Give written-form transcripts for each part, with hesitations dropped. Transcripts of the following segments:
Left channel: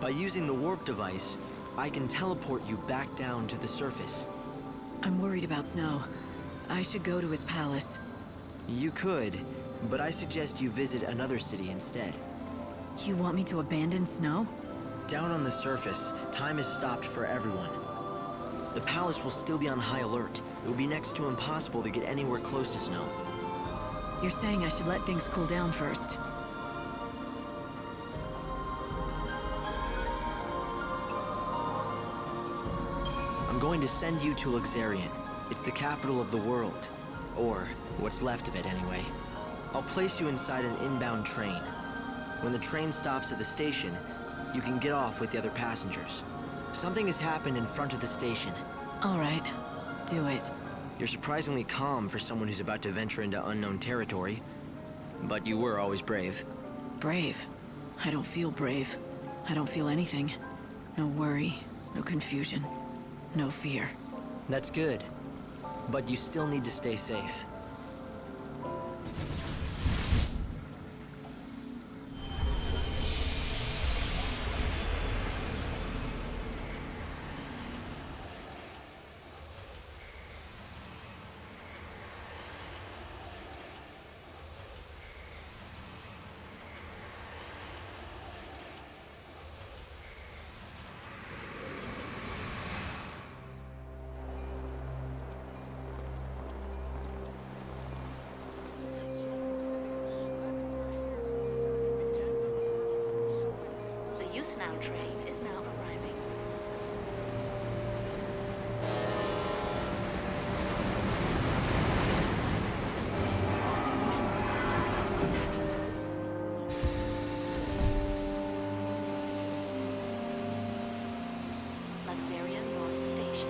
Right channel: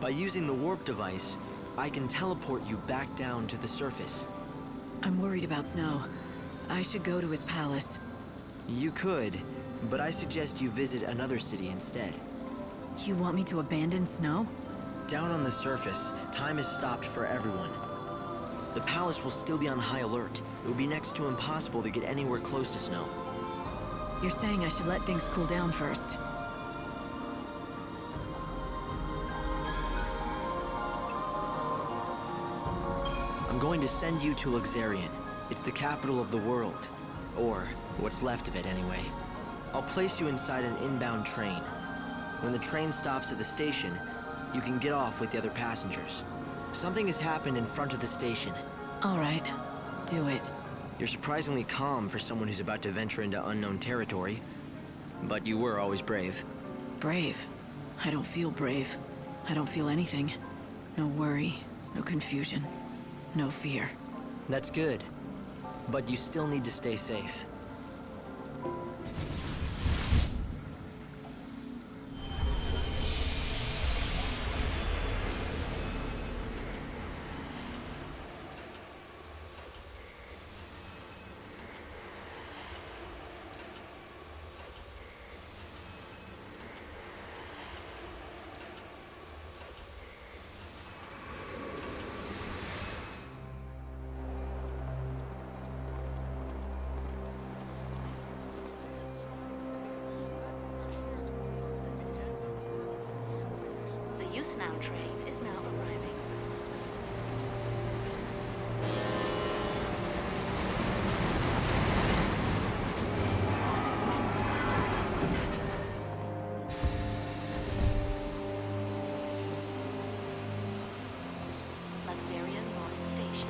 By using the warp device, I can teleport you back down to the surface. I'm worried about Snow. I should go to his palace. You could, but I suggest you visit another city instead. You want me to abandon Snow? Down on the surface, time is stopped for everyone. The palace will still be on high alert. It will be next to impossible to get anywhere close to Snow. You're saying I should let things cool down first. I'm going to send you to XIII. It's the capital of the world. Or, what's left of it anyway. I'll place you inside an inbound train. When the train stops at the station, you can get off with the other passengers. Something has happened in front of the station. All right, do it. You're surprisingly calm for someone who's about to venture into unknown territory. But you were always brave. Brave? I don't feel brave. I don't feel anything. No worry, no confusion, no fear. That's good. But you still need to stay safe. The XIII train is now arriving. Latveria North Station.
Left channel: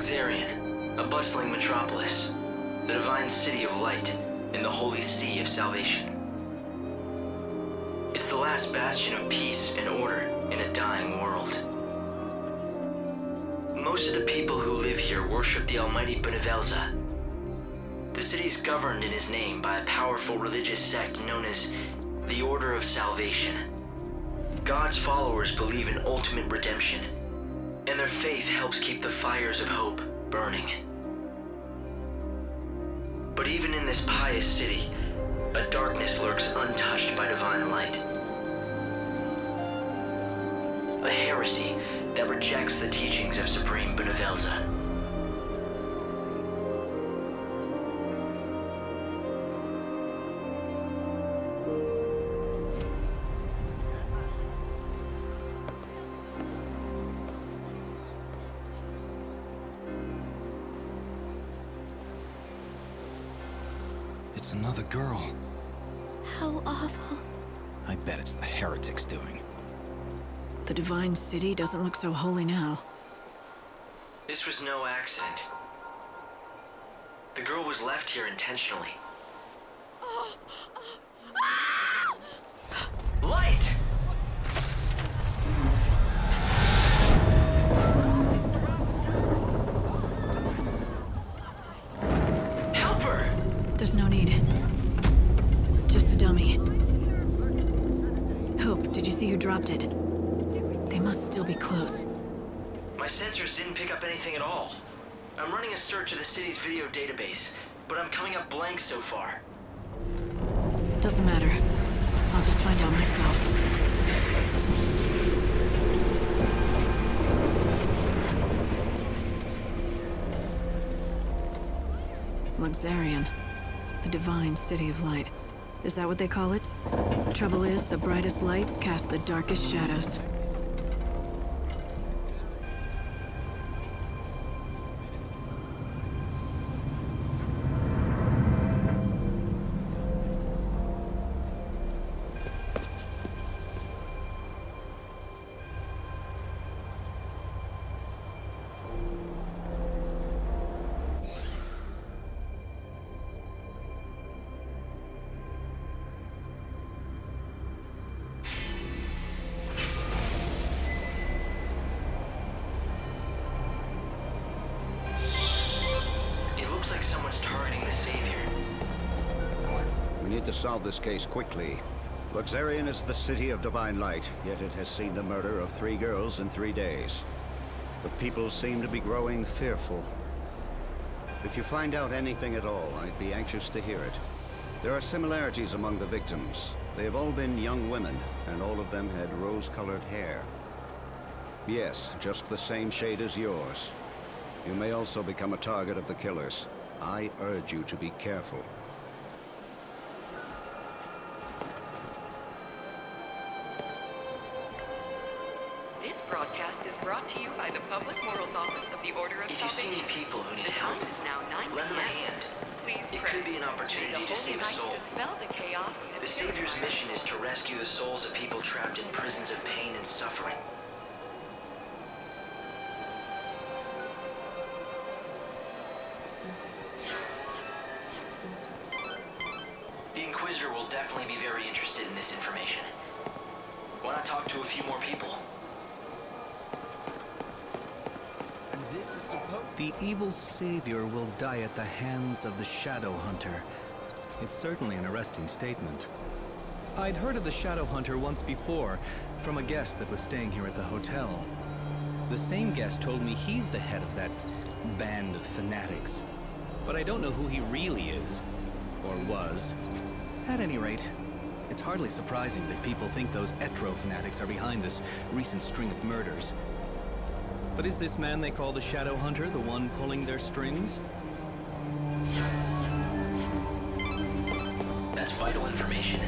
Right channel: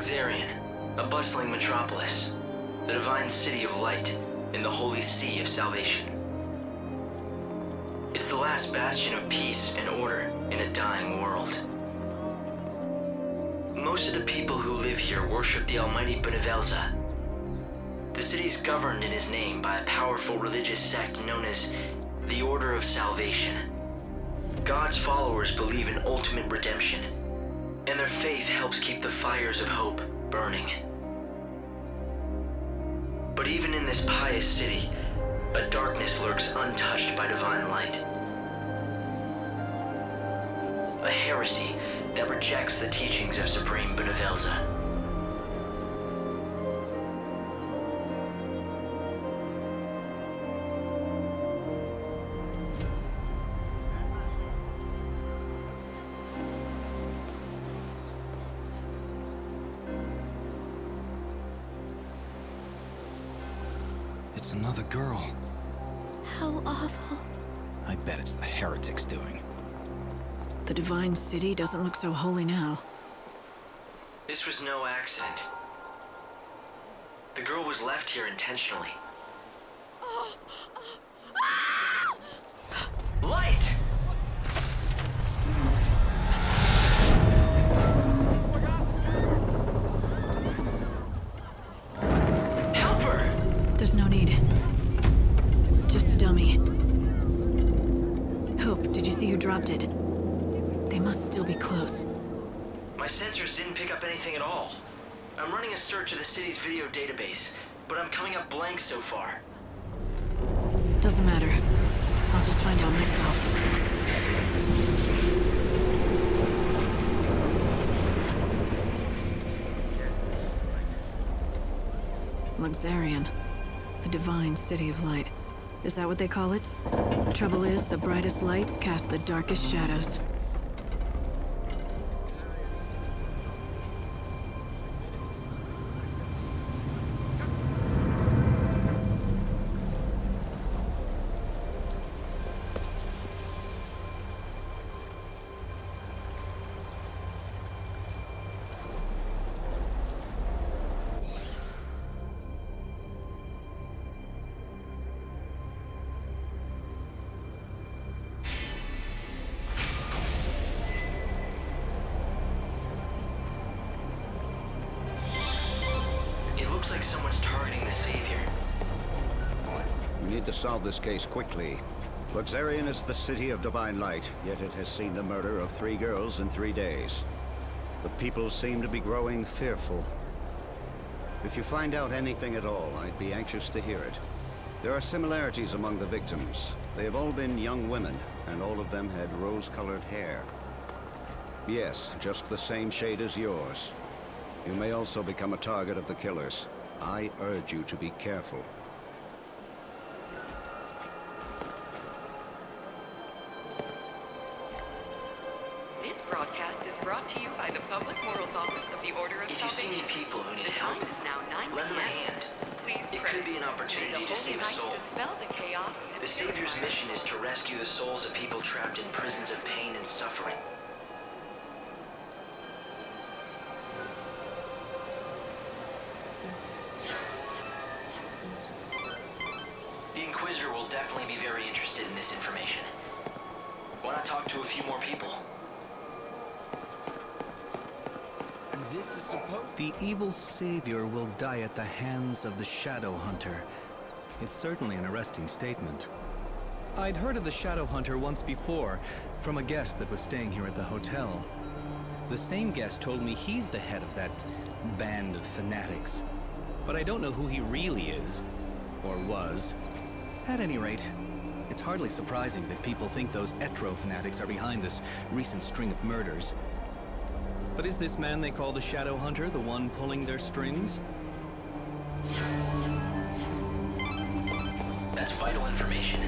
XIII, a bustling metropolis, the divine city of light in the holy sea of salvation. It's the last bastion of peace and order in a dying world. Most of the people who live here worship the almighty Benevelza. The city is governed in his name by a powerful religious sect known as the Order of Salvation. God's followers believe in ultimate redemption, and their faith helps keep the fires of hope burning. But even in this pious city, a darkness lurks untouched by divine light. A heresy that rejects the teachings of Supreme Benevelza. It's another girl. How awful. I bet it's the heretics doing. The divine city doesn't look so holy now. This was no accident. The girl was left here intentionally. Light! Help her! There's no need. Just a dummy. Hope, did you see who dropped it? They must still be close. My sensors didn't pick up anything at all. I'm running a search of the city's video database, but I'm coming up blank so far. Doesn't matter. I'll just find out myself. XIII, the divine city of light. Is that what they call it? Trouble is, the brightest lights cast the darkest shadows. Looks like someone's targeting the Savior. We need to solve this case quickly. Luxarian is the city of divine light, yet it has seen the murder of 3 girls in 3 days. The people seem to be growing fearful. If you find out anything at all, I'd be anxious to hear it. There are similarities among the victims. They have all been young women, and all of them had rose-colored hair. Yes, just the same shade as yours. You may also become a target of the killers. I urge you to be careful. This broadcast is brought to you by the Public Morals Office of the Order of If you see Salvation. any people who need The help, time is now 9 lend them a p.m. hand. Please It pray. could be an opportunity May the to save a Holy soul. Light dispel the chaos and The Savior's purify. mission is to rescue the souls of people trapped in prisons of pain and suffering. The Inquisitor will definitely be very interested in this information. Why not talk to a few more people? The evil savior will die at the hands of the Shadow Hunter. It's certainly an arresting statement. I'd heard of the Shadow Hunter once before, from a guest that was staying here at the hotel. The same guest told me he's the head of that band of fanatics. But I don't know who he really is, or was. At any rate, it's hardly surprising that people think those XIII fanatics are behind this recent string of murders. But is this man they call the Shadow Hunter the one pulling their strings? That's vital information.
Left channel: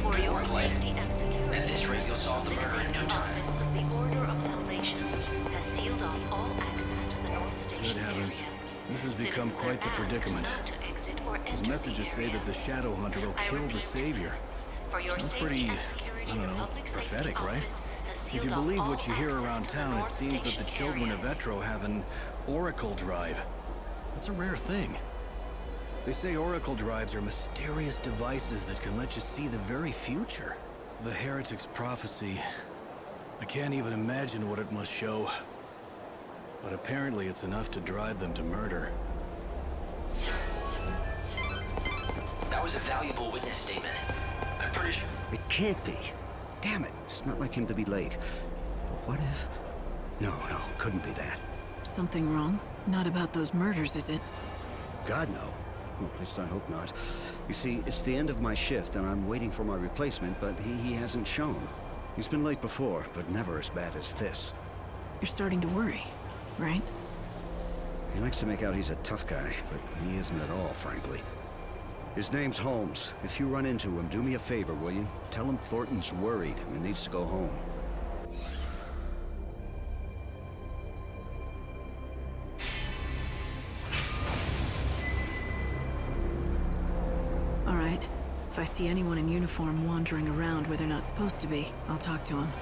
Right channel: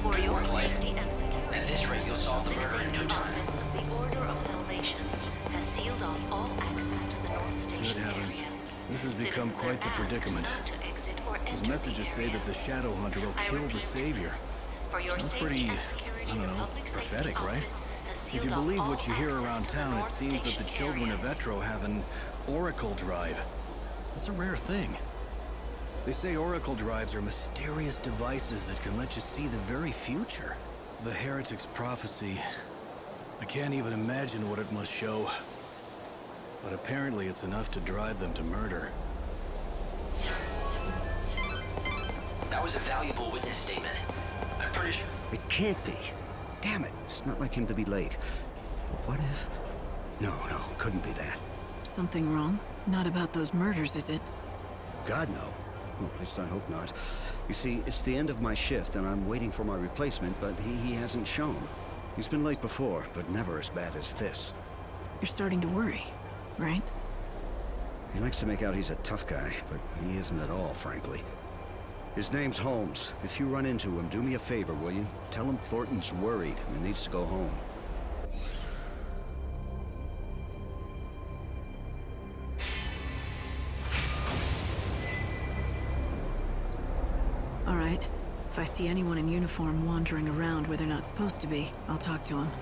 For Good your work, Light. safety and security, At this rate, you'll solve the murder in no the time. Office of the Order of Salvation has sealed off all access to the North Station Good heavens. area. This has become Citizens quite the are asked predicament. not to exit or His enter messages the say area. that the Shadow Hunter will I kill the repeat, Savior. for your Sounds safety pretty, and security, I don't the know, Public Safety prophetic, right? Office has If you sealed off believe all what you hear access around to the town, it North seems that the Station children area. of Etro have an Oracle Drive. That's a rare thing. They say Oracle Drives are mysterious devices that can let you see the very future. The Heretic's prophecy. I can't even imagine what it must show. But apparently it's enough to drive them to murder. That was a valuable witness statement. I'm pretty sure. It can't be. Damn it, it's not like him to be late. But what if... No, couldn't be that. Something wrong? Not about those murders, is it? God, no. Well, at least I hope not. You see, it's the end of my shift, and I'm waiting for my replacement, but he hasn't shown. He's been late before, but never as bad as this. You're starting to worry, right? He likes to make out he's a tough guy, but he isn't at all, frankly. His name's Holmes. If you run into him, do me a favor, will you? Tell him Thornton's worried and needs to go home. All right. If I see anyone in uniform wandering around where they're not supposed to be, I'll talk to them.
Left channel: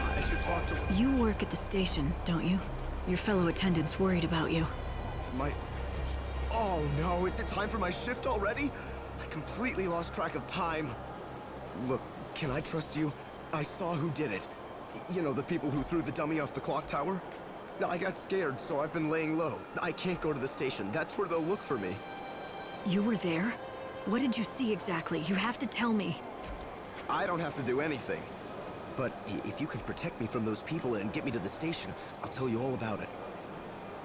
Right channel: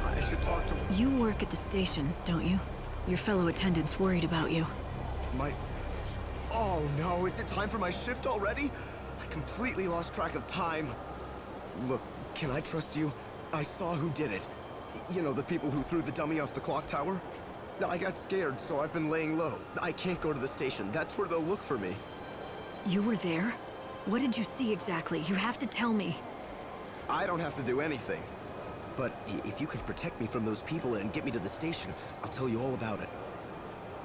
I should talk to You work at the station, don't you? Your fellow attendant's worried about you. my... Oh no, is it time for my shift already? I completely lost track of time. Look, can I trust you? I saw who did it. You know, the people who threw the dummy off the clock tower? I got scared, so I've been laying low. I can't go to the station. That's where they'll look for me. You were there? What did you see exactly? You have to tell me. I don't have to do anything. But if you can protect me from those people and get me to the station, I'll tell you all about it.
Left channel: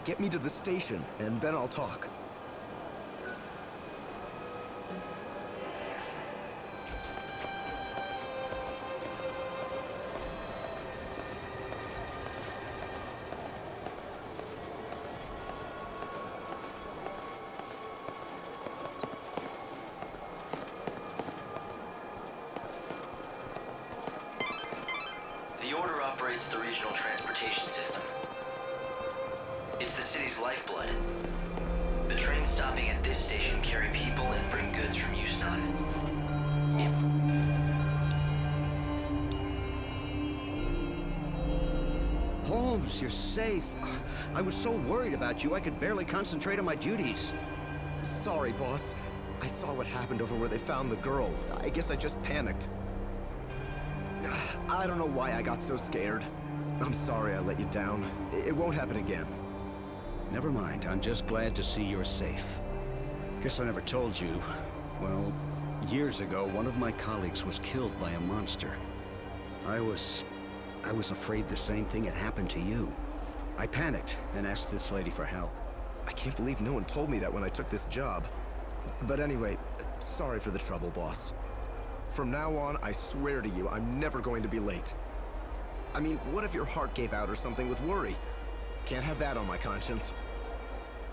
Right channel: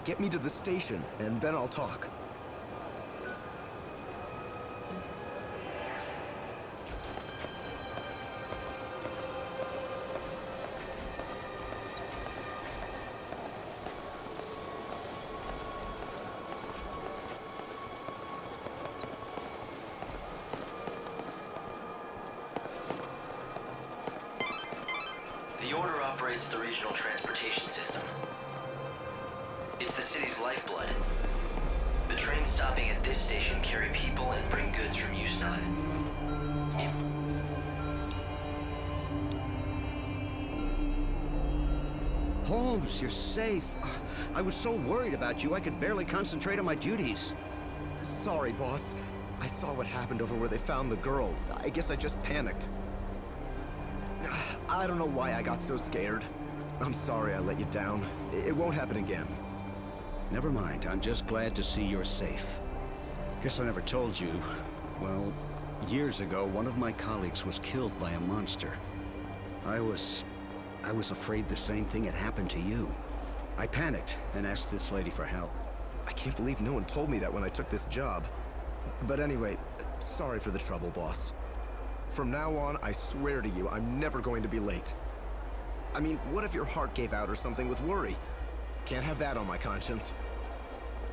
Get me to the station, and then I'll talk. The Order operates the regional transportation system. It's the city's lifeblood. The trains stopping at this station carry people and bring goods from XIII. If- Holmes, you're safe. I was so worried about you, I could barely concentrate on my duties. Sorry, boss. I saw what happened over where they found the girl. I guess I just panicked. I don't know why I got so scared. I'm sorry I let you down. It won't happen again. Never mind, I'm just glad to see you're safe. Guess I never told you. Well, years ago, one of my colleagues was killed by a monster. I was afraid the same thing had happened to you. I panicked and asked this lady for help. I can't believe no one told me that when I took this job. But anyway, sorry for the trouble, boss. From now on, I swear to you, I'm never going to be late. I mean, what if your heart gave out or something with worry? Can't have that on my conscience.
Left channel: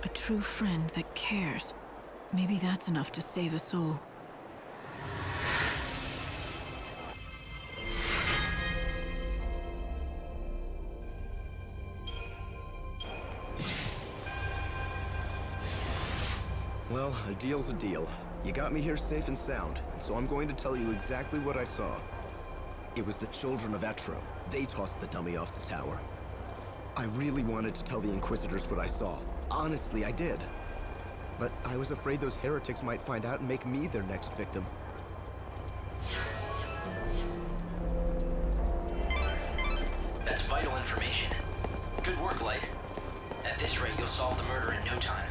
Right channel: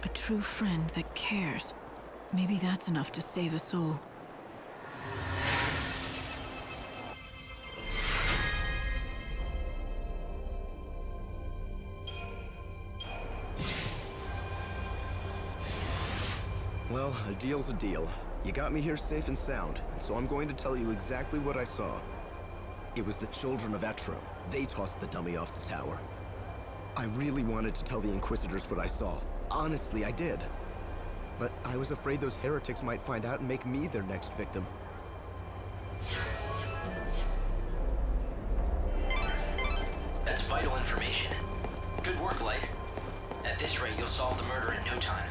A true friend that cares. Maybe that's enough to save a soul. Well, a deal's a deal. You got me here safe and sound, and so I'm going to tell you exactly what I saw. It was the children of Etro. They tossed the dummy off the tower. I really wanted to tell the Inquisitors what I saw. Honestly, I did. But I was afraid those heretics might find out and make me their next victim. That's vital information. Good work, Light. At this rate, you'll solve the murder in no time.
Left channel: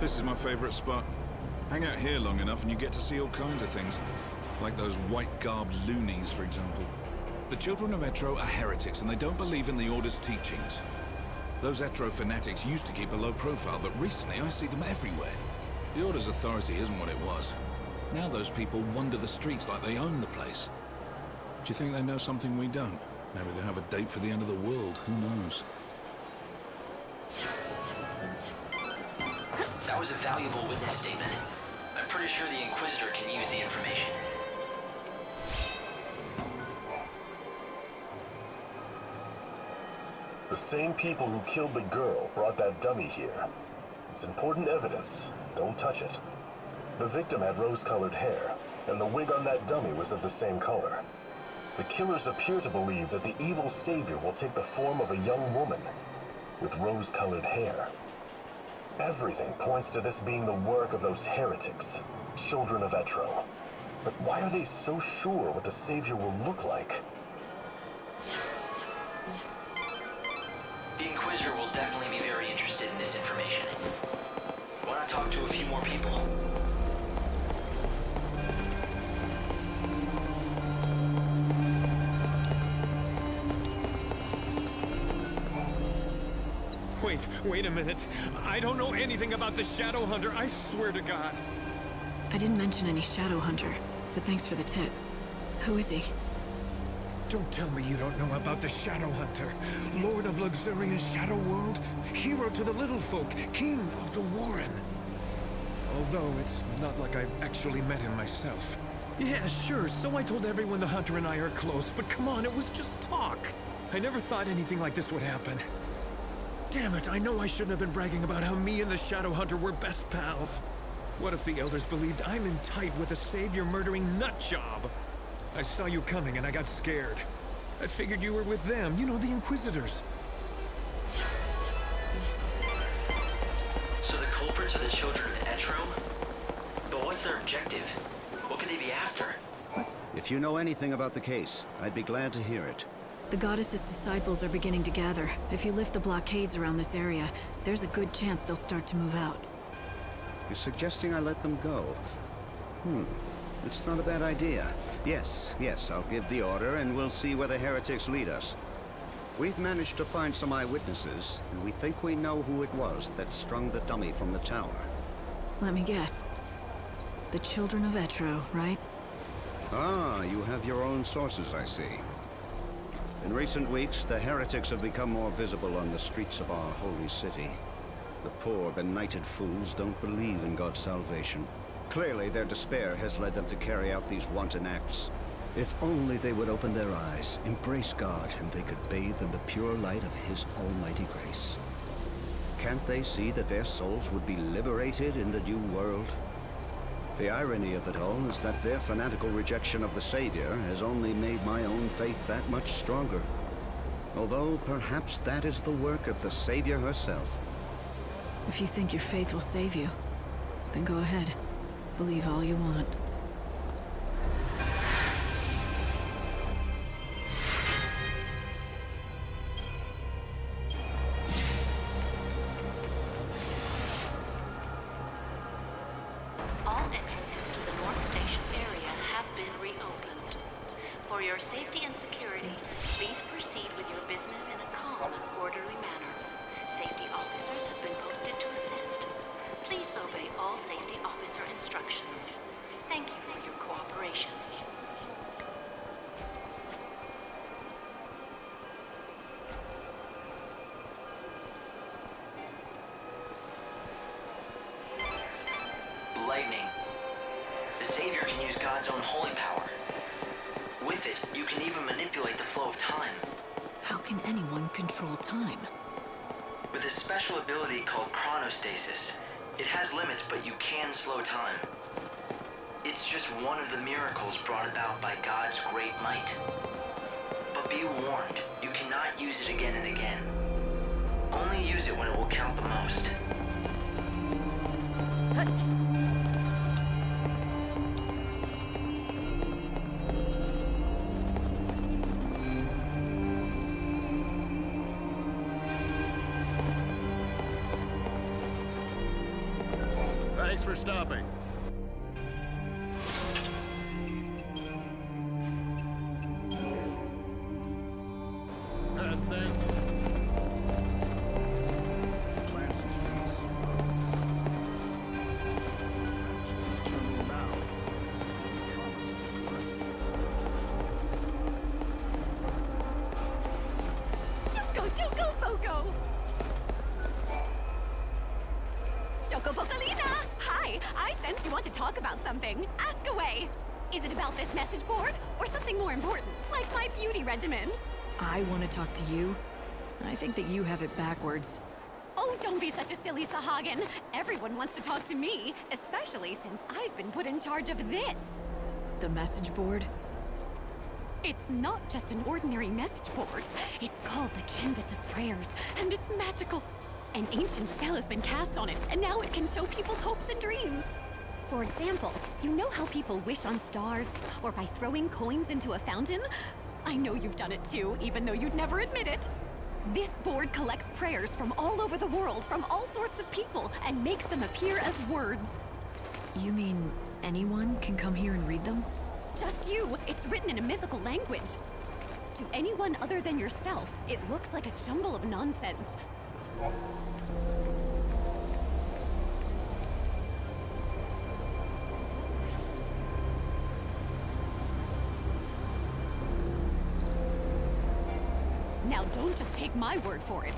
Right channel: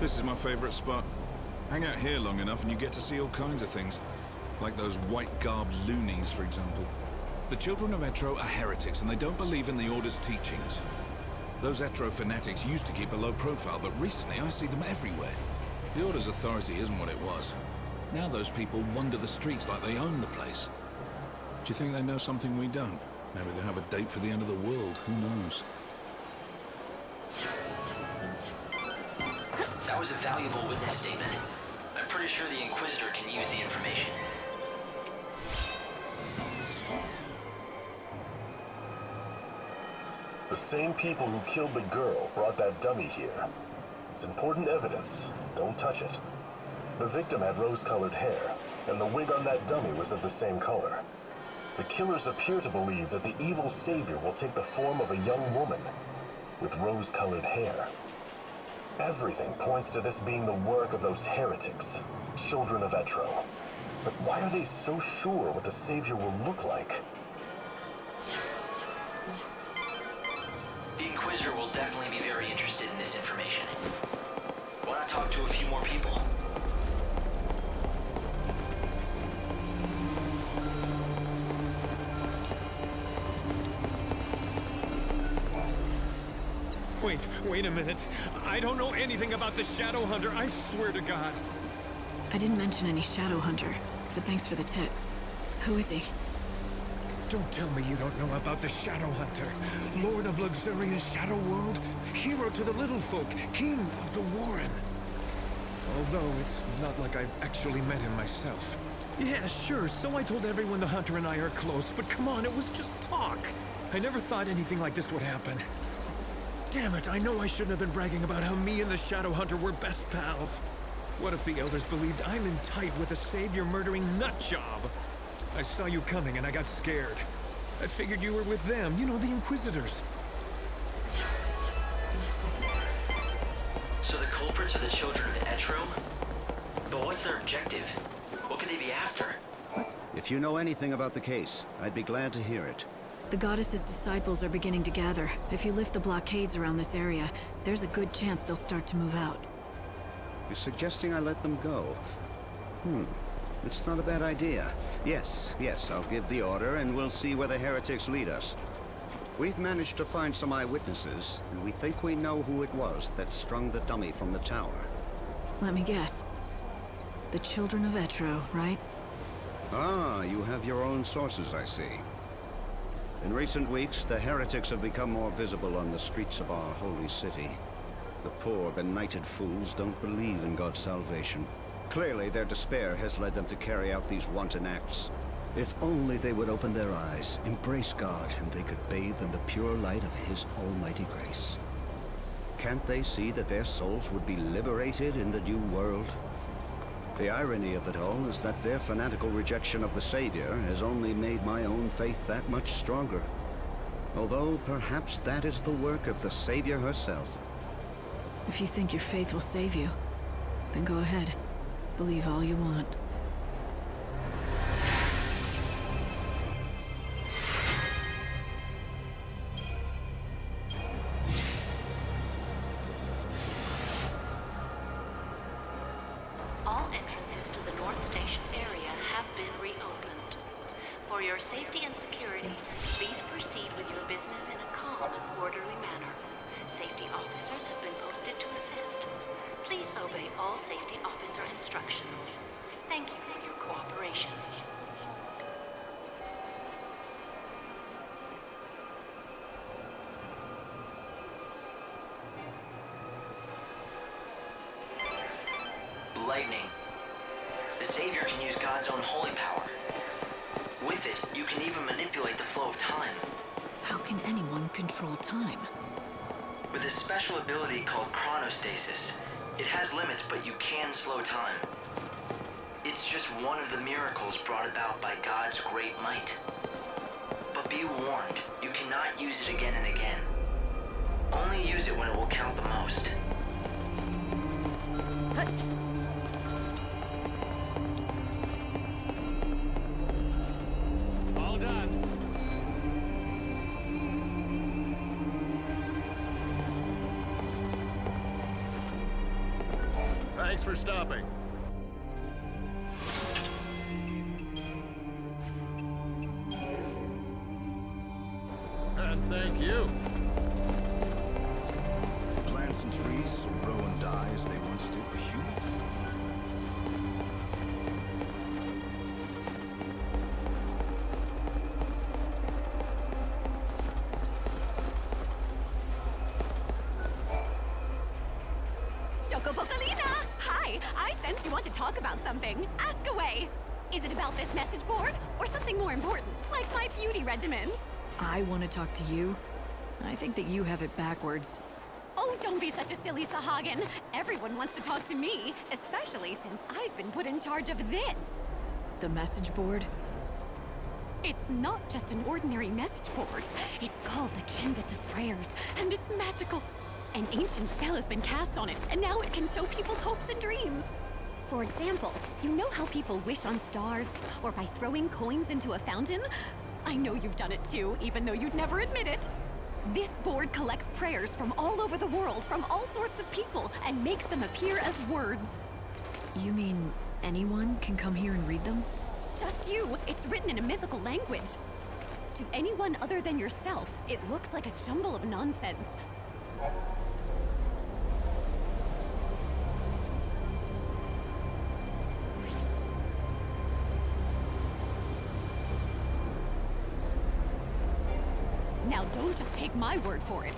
This is my favorite spot. Hang out here long enough and you get to see all kinds of things. Like those white-garbed loonies, for example. The children of Etro are heretics and they don't believe in the Order's teachings. Those Etro fanatics used to keep a low profile, but recently I see them everywhere. The Order's authority isn't what it was. Now those people wander the streets like they own the place. Do you think they know something we don't? Maybe they have a date for the end of the world, who knows? That was a valuable witness statement. I'm pretty sure the Inquisitor can use the information. The same people who killed the girl brought that dummy here. It's important evidence. Don't touch it. The victim had rose-colored hair, and the wig on that dummy was of the same color. The killers appear to believe that the evil savior will take the form of a young woman with rose-colored hair. Everything points to this being the work of those heretics, children of Etro. But why are they so sure what the savior will look like? The Inquisitor will definitely be very interested in this information. Why not talk to a few more people? Wait a minute. I don't know anything about the Shadow Hunter, I swear to God. I didn't mention any Shadow Hunter, but thanks for the tip. Who is he? Don't tell me you don't know about the Shadow Hunter. Lord of Luxurious Shadow World, hero to the little folk, king of the Warren. Although it's not like I've actually met him myself. Yeah, sure, so I told everyone the Hunter and I are close, but come on, it was just talk. I never thought anything like this would happen. Damn it, I know I shouldn't have been bragging about how me and the Shadow Hunter were best pals. What if the Elders believed I'm in tight with a savior-murdering nutjob? I saw you coming and I got scared. I figured you were with them, you know, the Inquisitors. So the culprits are the children of Etro? But what's their objective? What could they be after? If you know anything about the case, I'd be glad to hear it. The Goddess's disciples are beginning to gather. If you lift the blockades around this area, there's a good chance they'll start to move out. You're suggesting I let them go? It's not a bad idea. Yes, I'll give the order and we'll see where the heretics lead us. We've managed to find some eyewitnesses, and we think we know who it was that strung the dummy from the tower. Let me guess. The children of Etro, right? Ah, you have your own sources, I see. In recent weeks, the heretics have become more visible on the streets of our holy city. The poor, benighted fools don't believe in God's salvation. Clearly, their despair has led them to carry out these wanton acts. If only they would open their eyes, embrace God, and they could bathe in the pure light of His almighty grace. Can't they see that their souls would be liberated in the new world? The irony of it all is that their fanatical rejection of the Savior has only made my own faith that much stronger. Although perhaps that is the work of the Savior herself. If you think your faith will save you, then go ahead. Believe all you want. All entrances to the North Station area have been reopened. For your safety and security, please proceed with your business in a calm and orderly manner. Safety officers have been posted to assist. Please obey all safety officer instructions. Thank you for your cooperation. Lightning. The Savior can use God's own holy power. With it, you can even manipulate the flow of time. How can anyone control time? With a special ability called chronostasis. It has limits, but you can slow time. It's just one of the miracles brought about by God's great might. But be warned, you cannot use it again and again. Only use it when it will count the most. Thanks for stopping. And thank you. Plants and trees will grow and die as they must do. Chocobocolina! Hi! I sense you want to talk about something. Ask away! Is it about this message board? Or something more important, like my beauty regimen? I want to talk to you. I think that you have it backwards. Oh, don't be such a silly Sahagin. Everyone wants to talk to me, especially since I've been put in charge of this. The message board? It's not just an ordinary message board. It's called the Canvas of Prayers, and it's magical. An ancient spell has been cast on it, and now it can show people's hopes and dreams. For example, you know how people wish on stars, or by throwing coins into a fountain? I know you've done it too, even though you'd never admit it. This board collects prayers from all over the world, from all sorts of people, and makes them appear as words. You mean anyone can come here and read them? Just you. It's written in a mythical language. To anyone other than yourself, it looks like a jumble of nonsense. Now don't just take my word for it.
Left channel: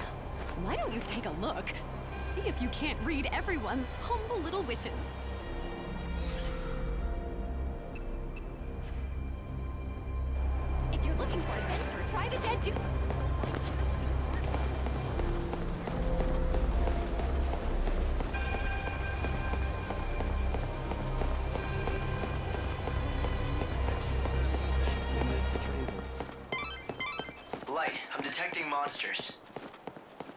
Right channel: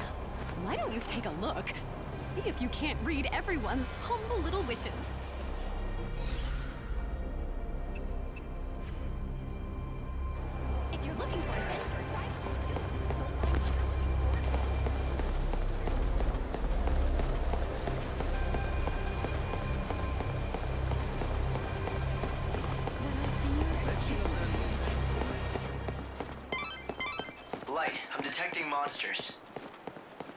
Why don't you take a look? See if you can't read everyone's humble little wishes. If you're looking for adventure, try the Dead Dude. Light, I'm detecting monsters.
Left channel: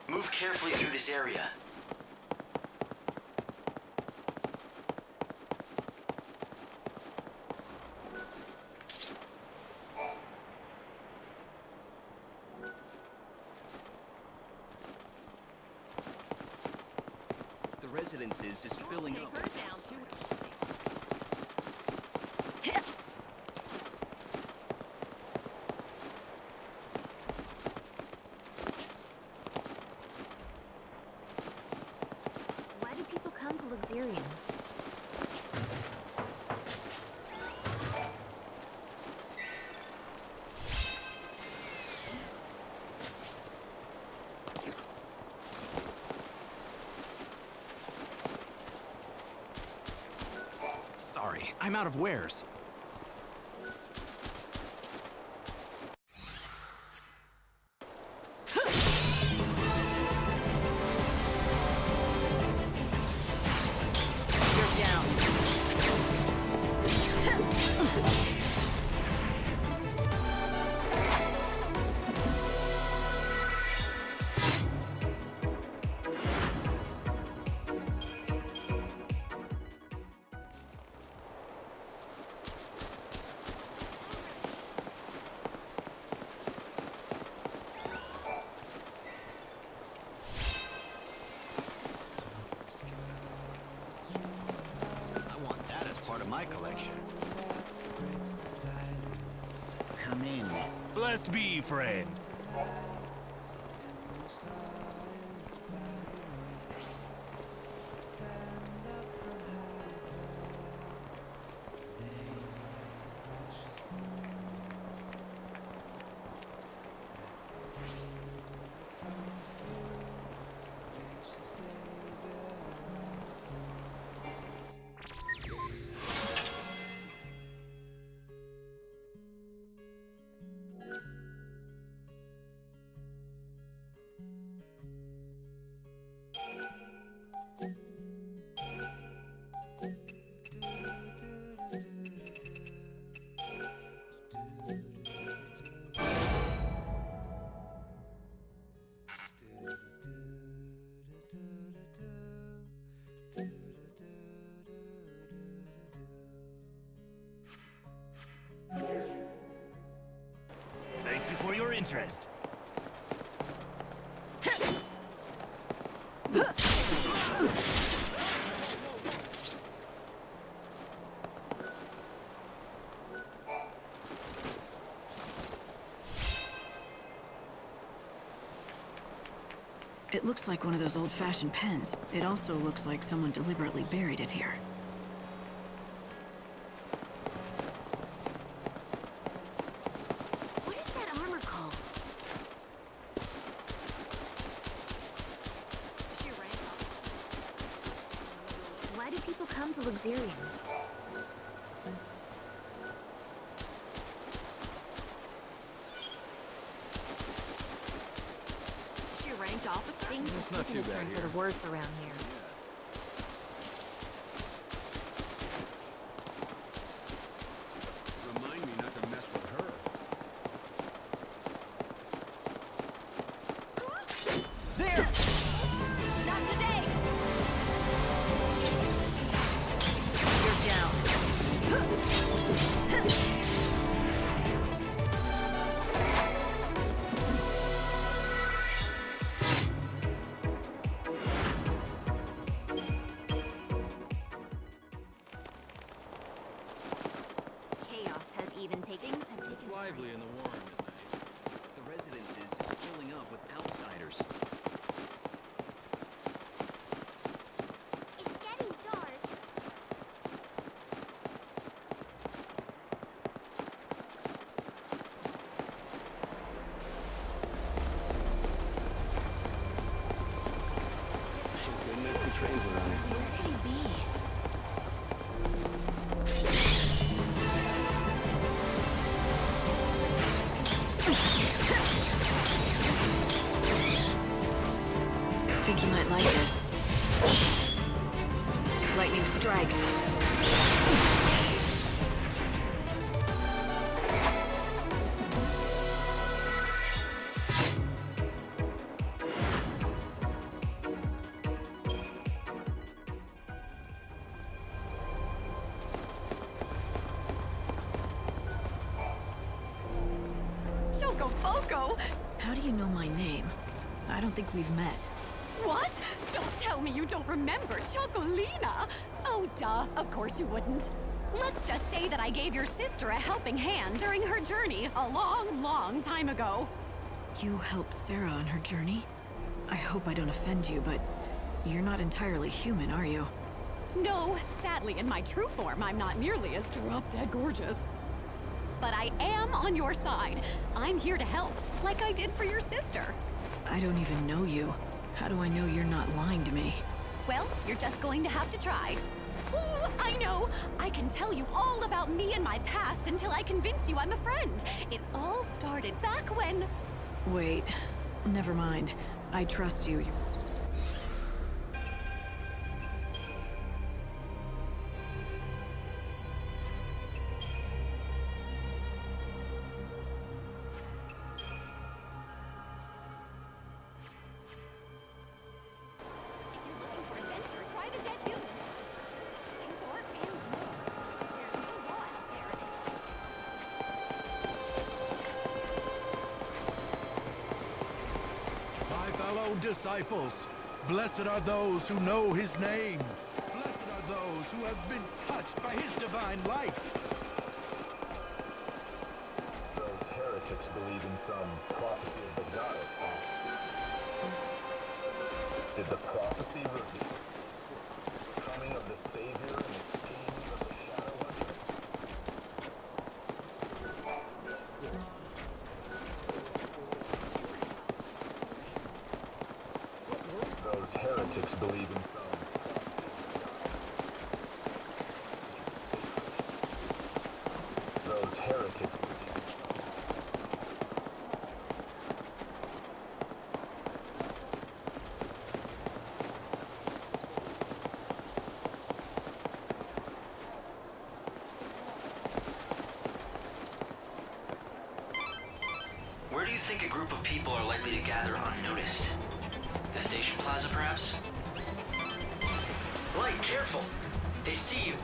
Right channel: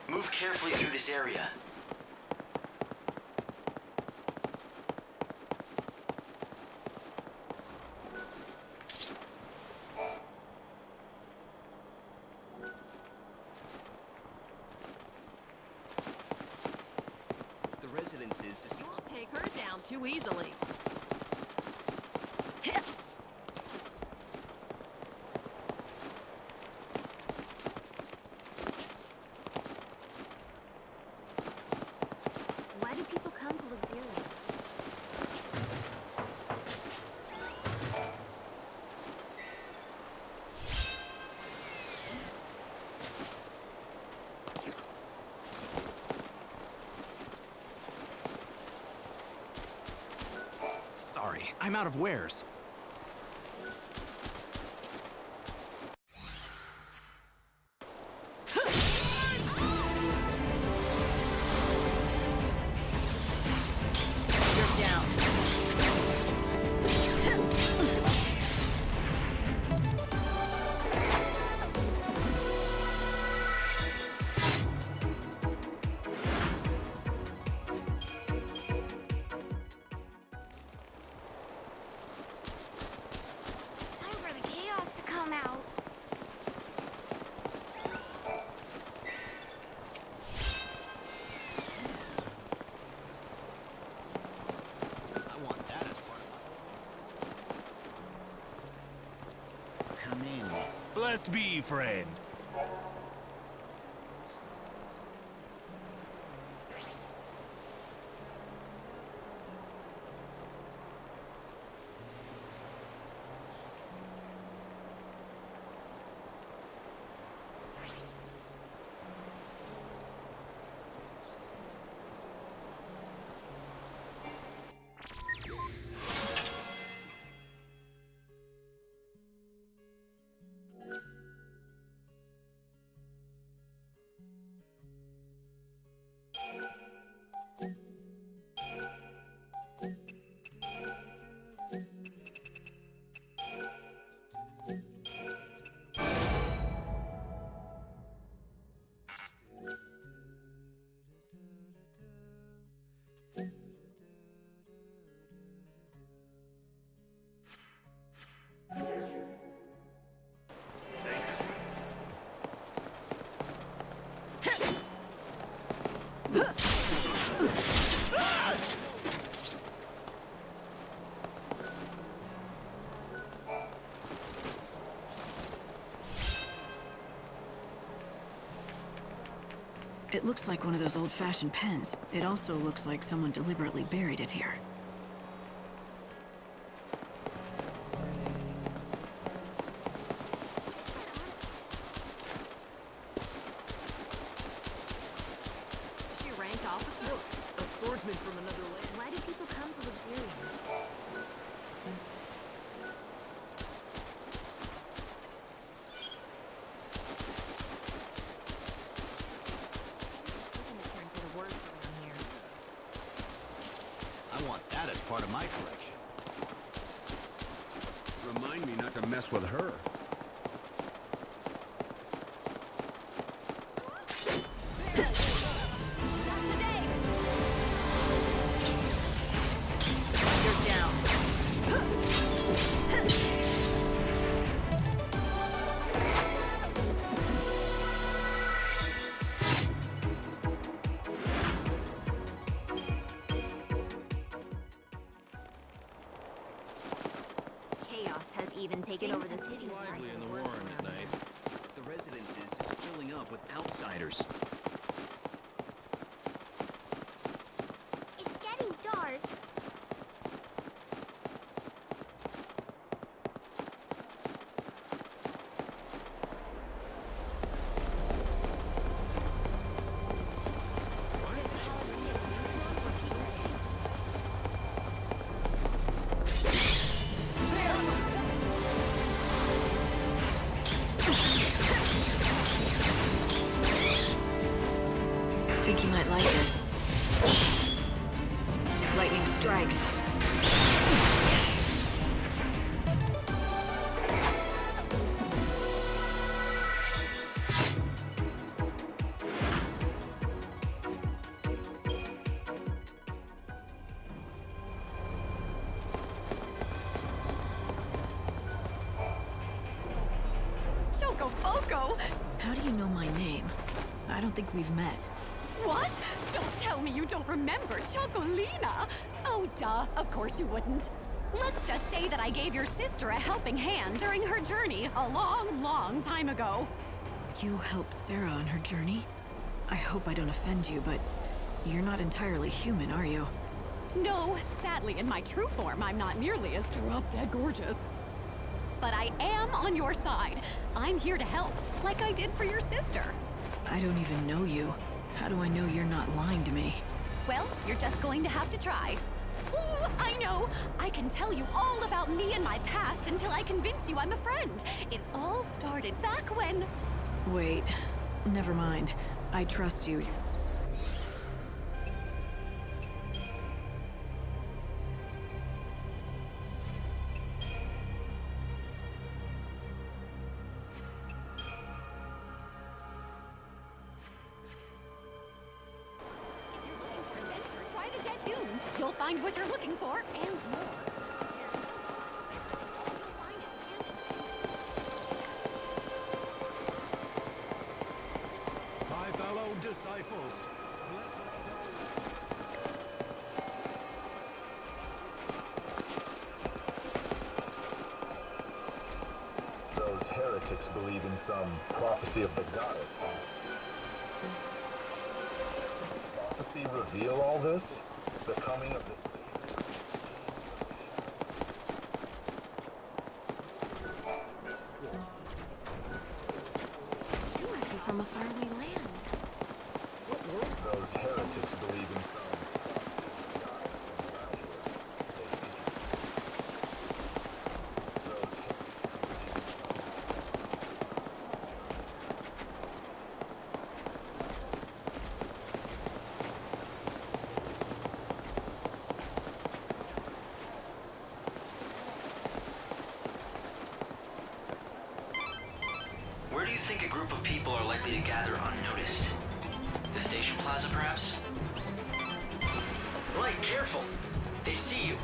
Move carefully through this area. The residence is filling Take her down too easily. Why do people come to Luxurian? I'm out of wares. Blessed be, friend. Thank you for your interest. It looks like one of those old-fashioned pens. It also looks like someone deliberately buried it here. What is that armor called? She rank officer? A swordsman from another land. Why do people come to Luxurion? For the worse around here. I want that as part of my collection. Remind me not to mess with her. There! Not today! You're down. Things have taken lively in the warren at night. The residence is filling up with outsiders. It's getting dark. Thank goodness the trains are running. Where could he be? I think you might like this. Lightning strikes. Choco! How do you know my name? I don't think we've met. What? Don't tell me you don't remember Chocolina! Oh, duh. Of course you wouldn't. Let's just say that I gave your sister a helping hand during her journey a long, long time ago. You helped Sarah on her journey? I hope I don't offend you, but you're not entirely human, are you? No, sadly, in my true form, I'm not nearly as drop-dead gorgeous. But I am on your side. I'm here to help, like I did for your sister. I don't even know you. How do I know you're not lying to me? Well, you're just going to have to try. Ooh, I know! I can tell you all about me and my past until I convince you I'm a friend. It all started back when... Wait. Never mind. I trust you. If you're looking for adventure, try the Dead Dunes. You'll find what you're looking for, and more. There's no law out there, and all you find is... My fellow disciples, blessed are those who know his name. Blessed are those who have been touched by his divine light. Those heretics believe in some prophecy of the goddess. Did the prophecy reveal all this? The coming of the Savior and the slaying of the Shadow? She must be from a faraway land. Those heretics believe in some. Those heretics believe in Where do you think a group of people are likely to gather unnoticed? The station plaza, perhaps? Light, careful! They see you.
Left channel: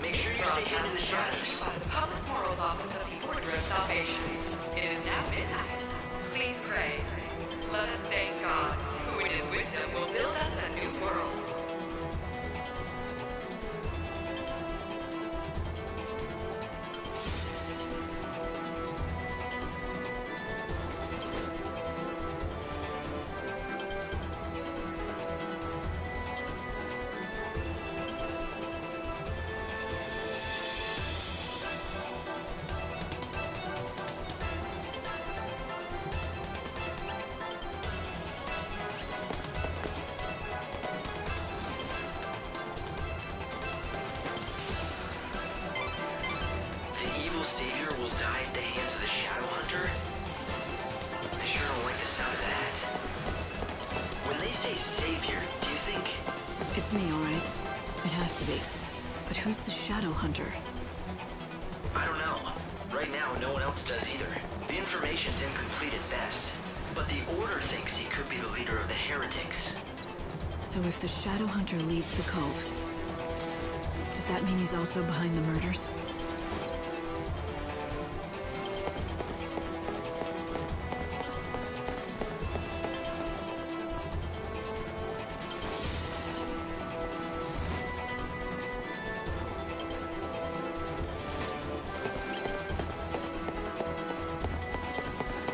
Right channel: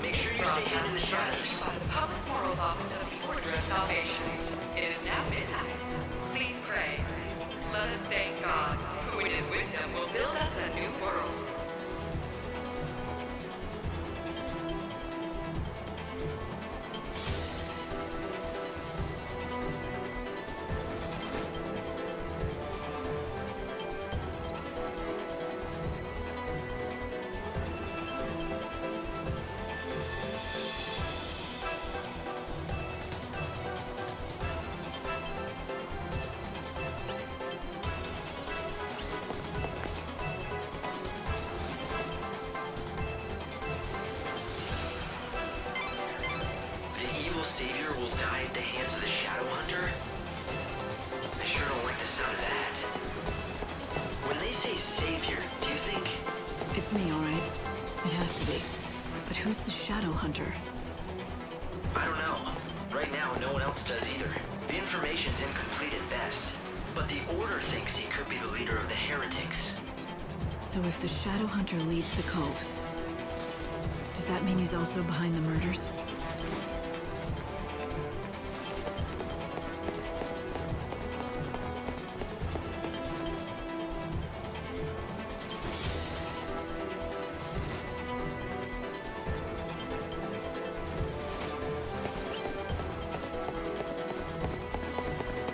Make sure you stay hidden in the shadows. By the Public Morals Office of the Order of Salvation. It is now midnight. Please pray. Let us thank God, who in his wisdom will build us a new world. The evil savior will die at the hands of the Shadow Hunter? I sure don't like the sound of that. When they say savior, do you think... It's me, all right. It has to be. But who's the Shadow Hunter? I don't know. Right now, no one else does either. The information's incomplete at best. But the Order thinks he could be the leader of the heretics. So if the Shadow Hunter leads the cult, does that mean he's also behind the murders?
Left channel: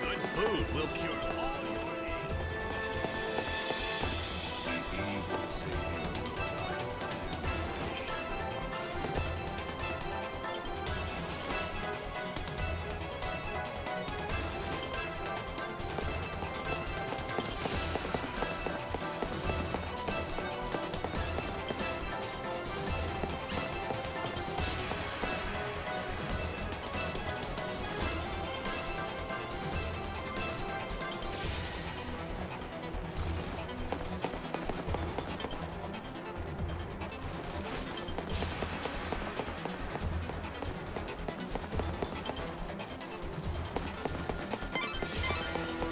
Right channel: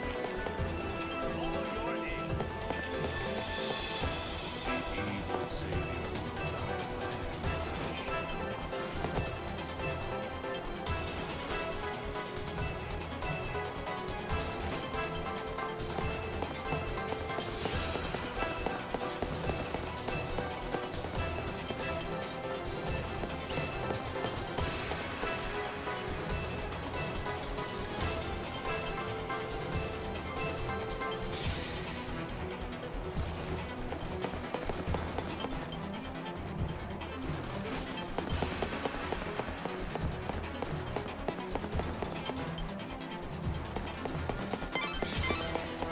Good food will cure all your ails. The evil savior will die at the hands of the shadow.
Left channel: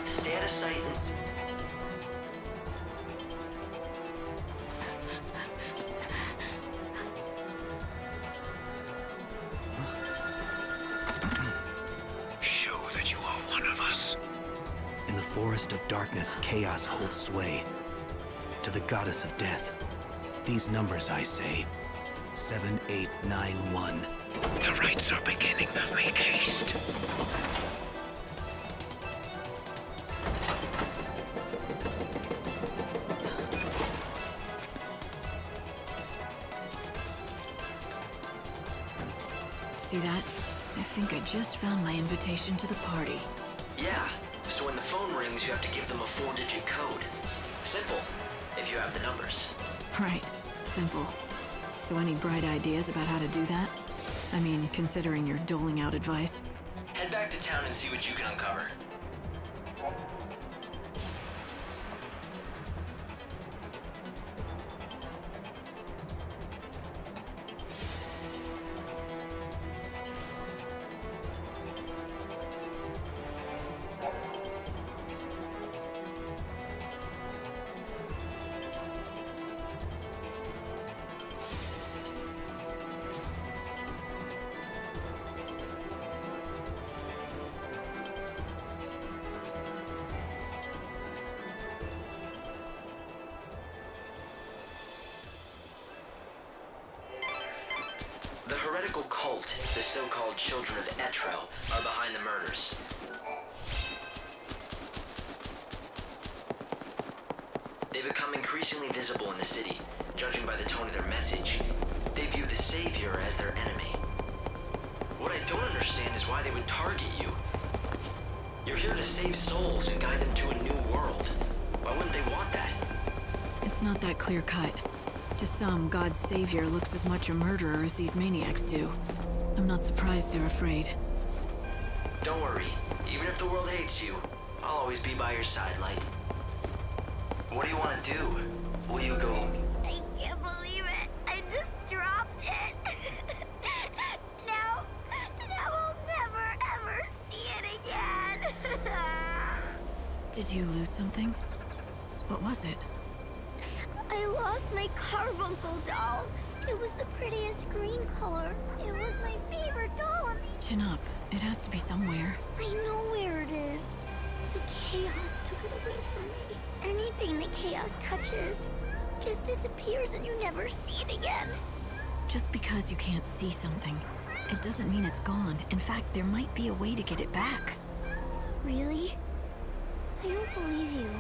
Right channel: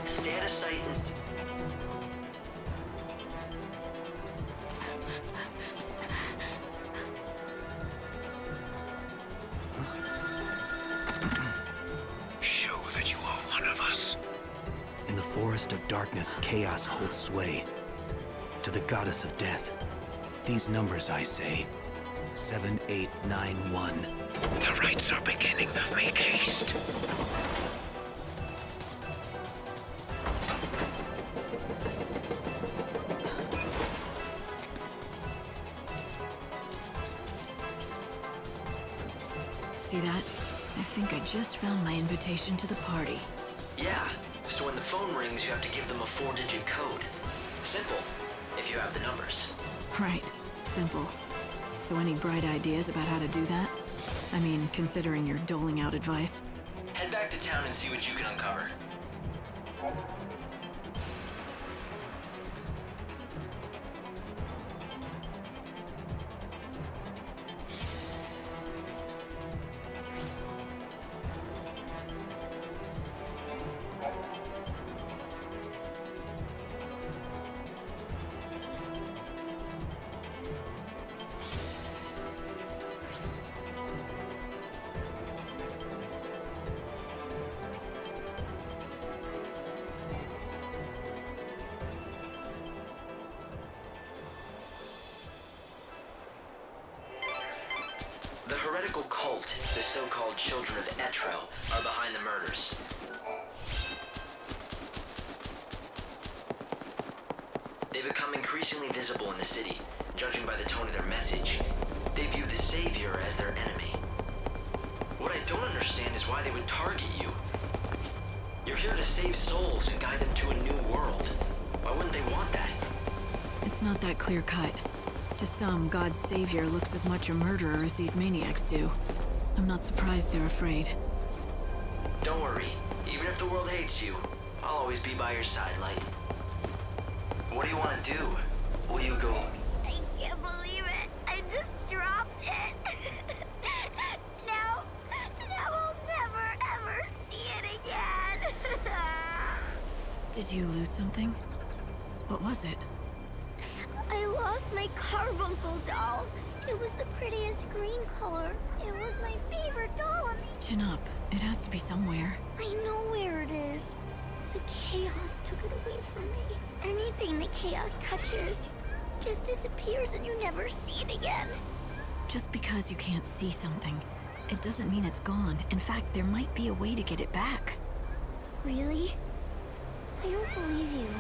Stay out of sight and... Show that you are one of us. In the forest of darkness, chaos holds sway. To the goddess of death, these numbers I say, 7891. The rites are beginning. Make haste. See that? I think I just found my invitation to the party. Yeah, so when the phone rings, you have to give them a 4-digit code. Simple, if you have the numbers. Right. Simple. So any bright ideas about how to do that? I mean, considering you're doling out advice. Head back to town and see what you can uncover. The heretical cult, the so-called Children of Etro, are behind the murders. They become increasingly visible in the city. Judging by the tone of their message, they view the Savior as their enemy. What I don't understand is why they would target you. You're here to save souls and guide them to a new world. Why wouldn't they want that? It's not that clear-cut. To some, God's savior looks as much a murderer as these maniacs do. I'm not surprised they're afraid. Don't worry. Even if the world hates you, I'll always be by your side, Light. What do you want to do? Will you go... I can't believe it. I just dropped it. Now I'll never, ever see it again. Did you lose something? What was it? I lost my carbuncle doll. It was the prettiest green color. It was my favorite doll. Chin up. It has to be somewhere. I know where it is. The chaos took it away from me. Anything the chaos touches just disappears and you never see it again. Just because you can't see something, it doesn't mean it's gone. In fact, there might be a way to get it back. Really? I don't believe you.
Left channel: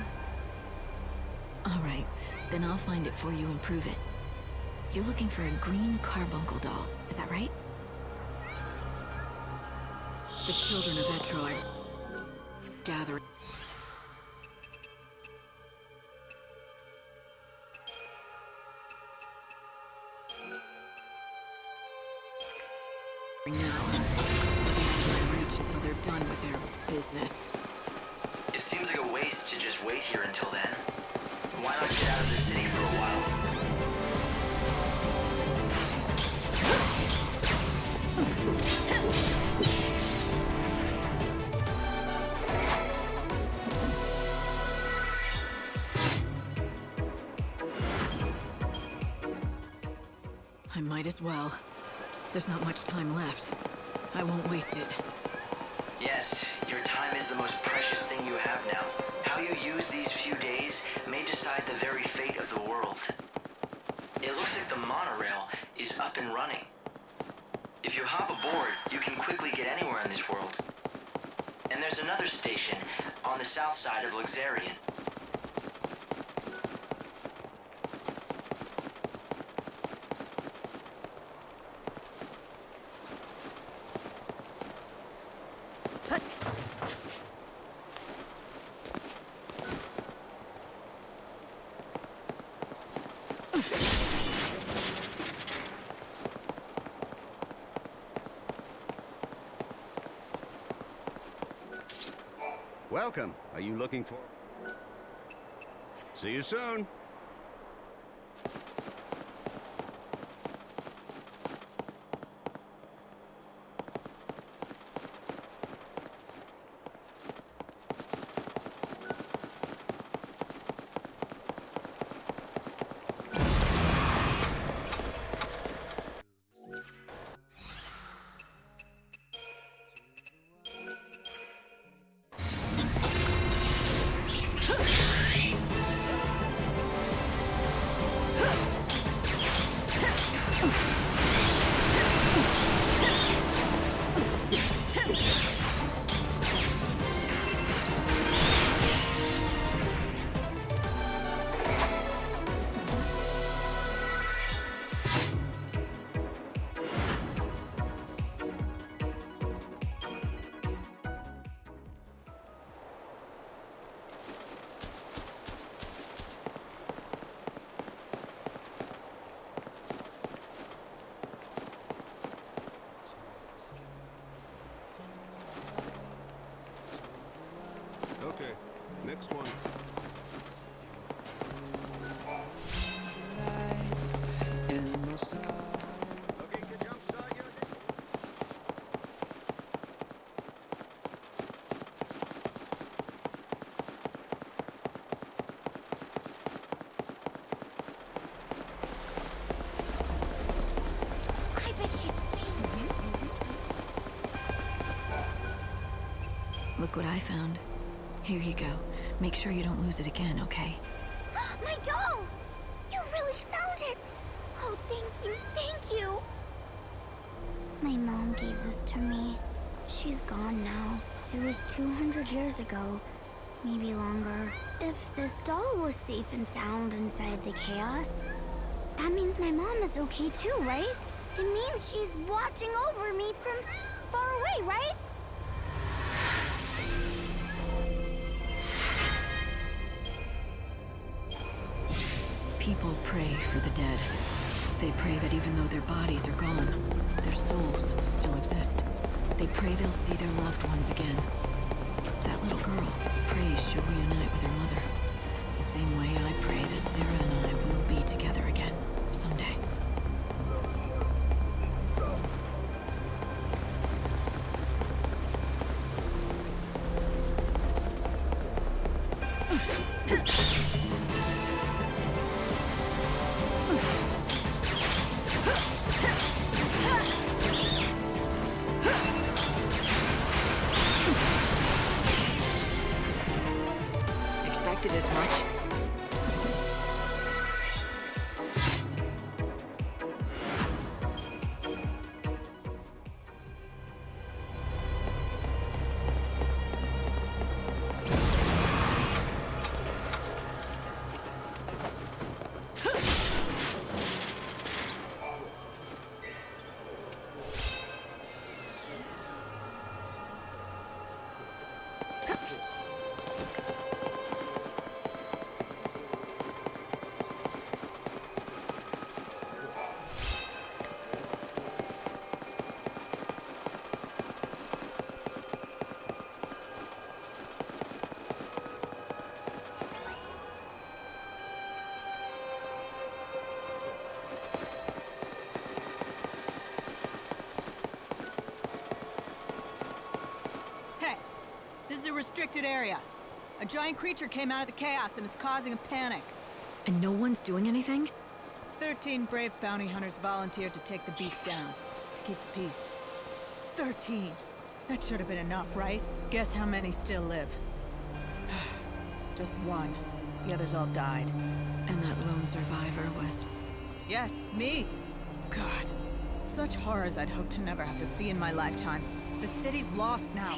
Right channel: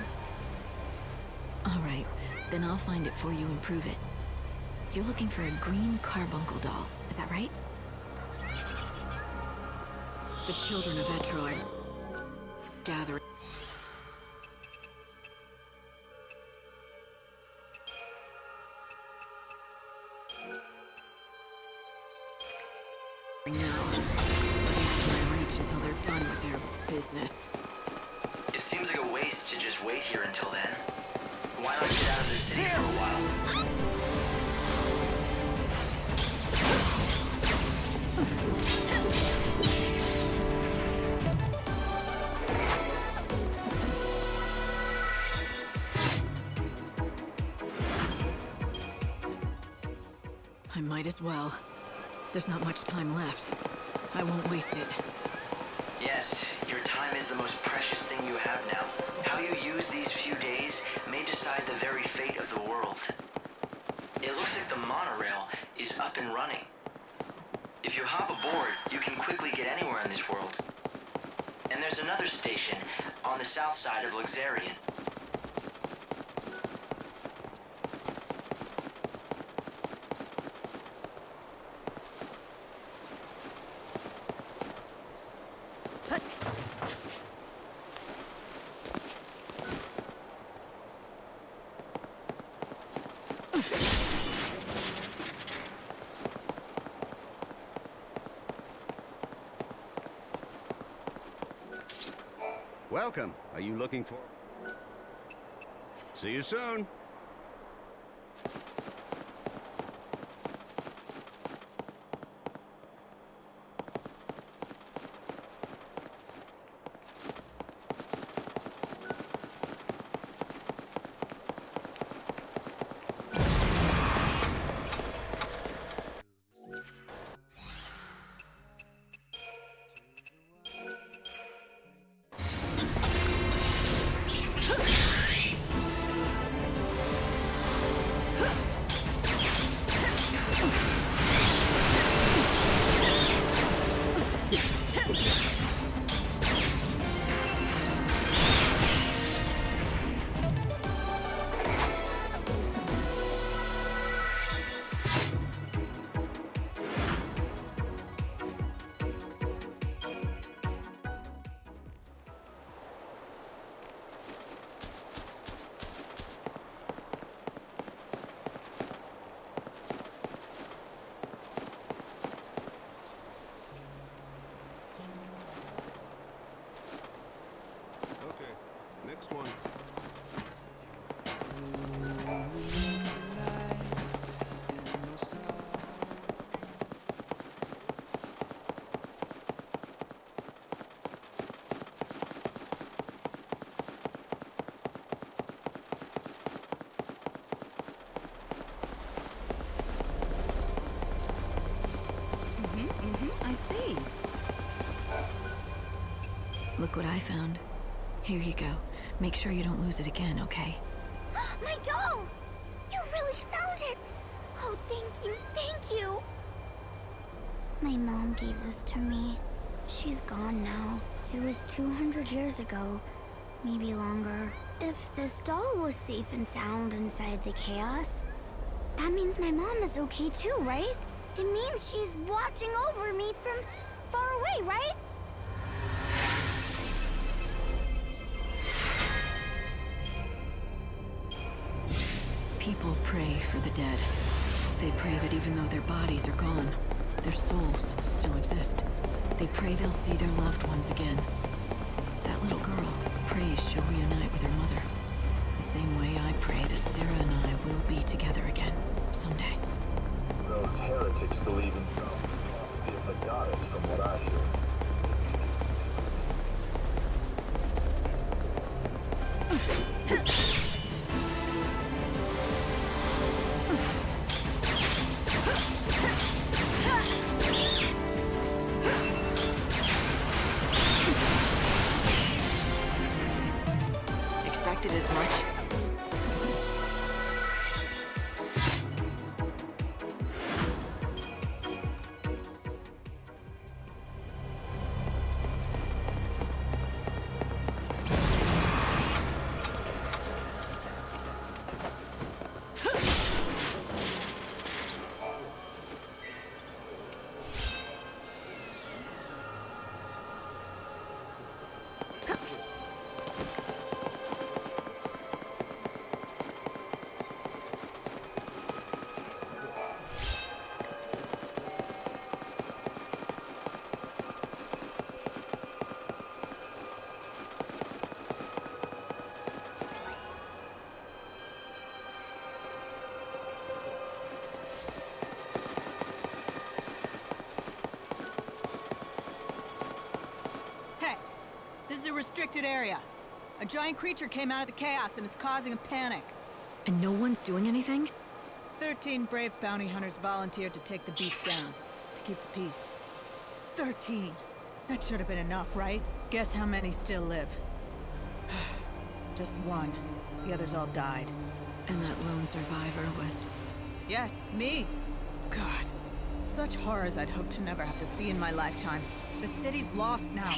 All right, then I'll find it for you and prove it. You're looking for a green carbuncle doll, is that right? The Children of Etro are gathering. Now, my reach until they're done with their business. It seems like a waste to just wait here until then. Why not get out of the city for a while? I might as well. There's not much time left. I won't waste it. Yes, your time is the most precious thing you have now. How you use these few days may decide the very fate of the world. It looks like the monorail is up and running. If you hop aboard, you can quickly get anywhere in this world. And there's another station on the south side of XIII-3. Welcome. Are you looking for... See you soon. Look what I found. Here you go. Make sure you don't lose it again, okay? My doll! You really found it! Oh, thank you! My mom gave this to me. She's gone now. It was 200 years ago. Maybe longer. If this doll was safe and sound inside the chaos, that means my mom is okay too, right? It means she's watching over me from far away, right? People pray for the dead. They pray that even though their bodies are gone, their souls still exist. They pray they'll see their loved ones again. That little girl prays she'll reunite with her mother. The same way I pray that Sarah and I will be together again someday. Those heretics believe in some prophecy of the goddess from what I hear. Expected as much. This is a restricted area. A giant creature came out of the chaos and it's causing a panic. And no one's doing anything? 13 brave bounty hunters volunteered to take the beast down, to keep the peace. 13. That should have been enough, right? Guess how many still live? Just one. The others all died. And that lone survivor was... Yes, me. God. Such horrors I'd hoped to never have to see in my lifetime. The city's lost now.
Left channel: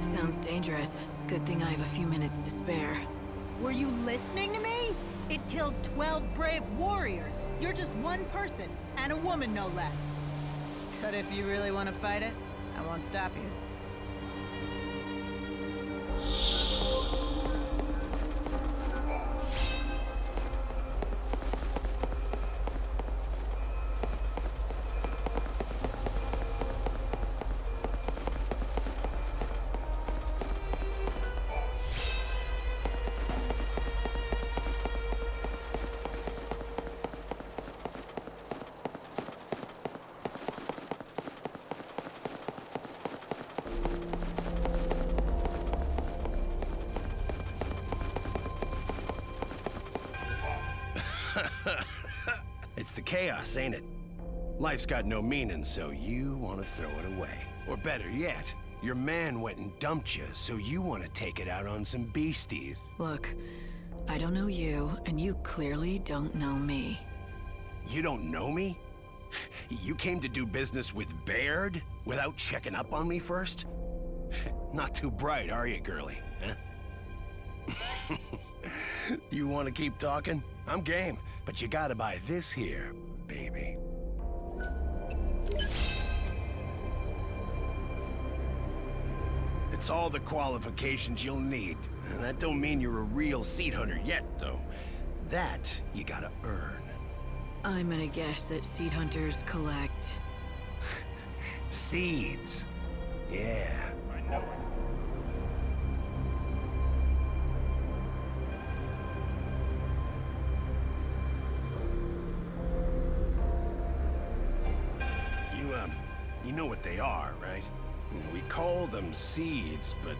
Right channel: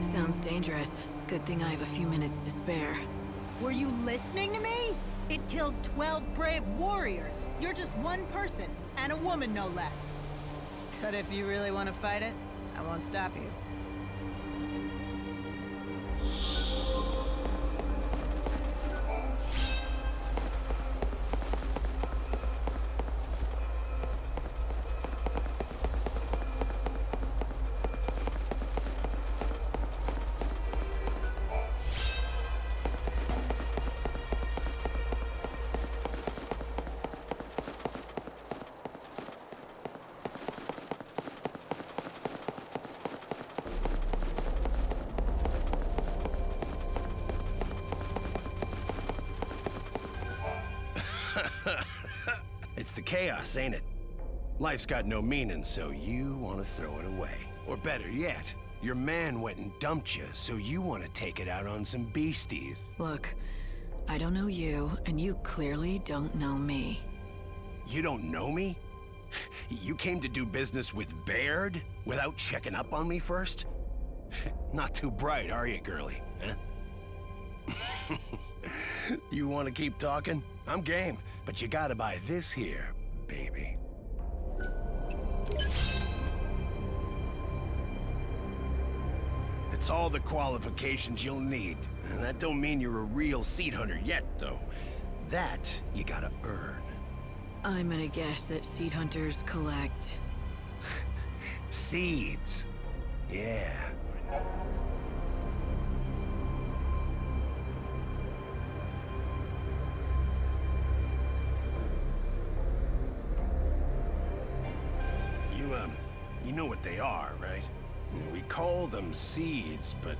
Sounds dangerous. Good thing I have a few minutes to spare. Were you listening to me? It killed 12 brave warriors. You're just one person, and a woman no less. But if you really want to fight it, I won't stop you. It's the chaos, ain't it? Life's got no meaning, so you want to throw it away. Or better yet, your man went and dumped you, so you want to take it out on some beasties. Look, I don't know you, and you clearly don't know me. You don't know me? You came to do business with Baird without checking up on me first? Not too bright, are you, girlie? Huh? You want to keep talking? I'm game, but you gotta buy this here, baby. It's all the qualifications you'll need. And that don't mean you're a real seed hunter yet, though. That you gotta earn. I'm gonna guess that seed hunters collect... Seeds. Yeah. You know what they are, right? We call them seeds, but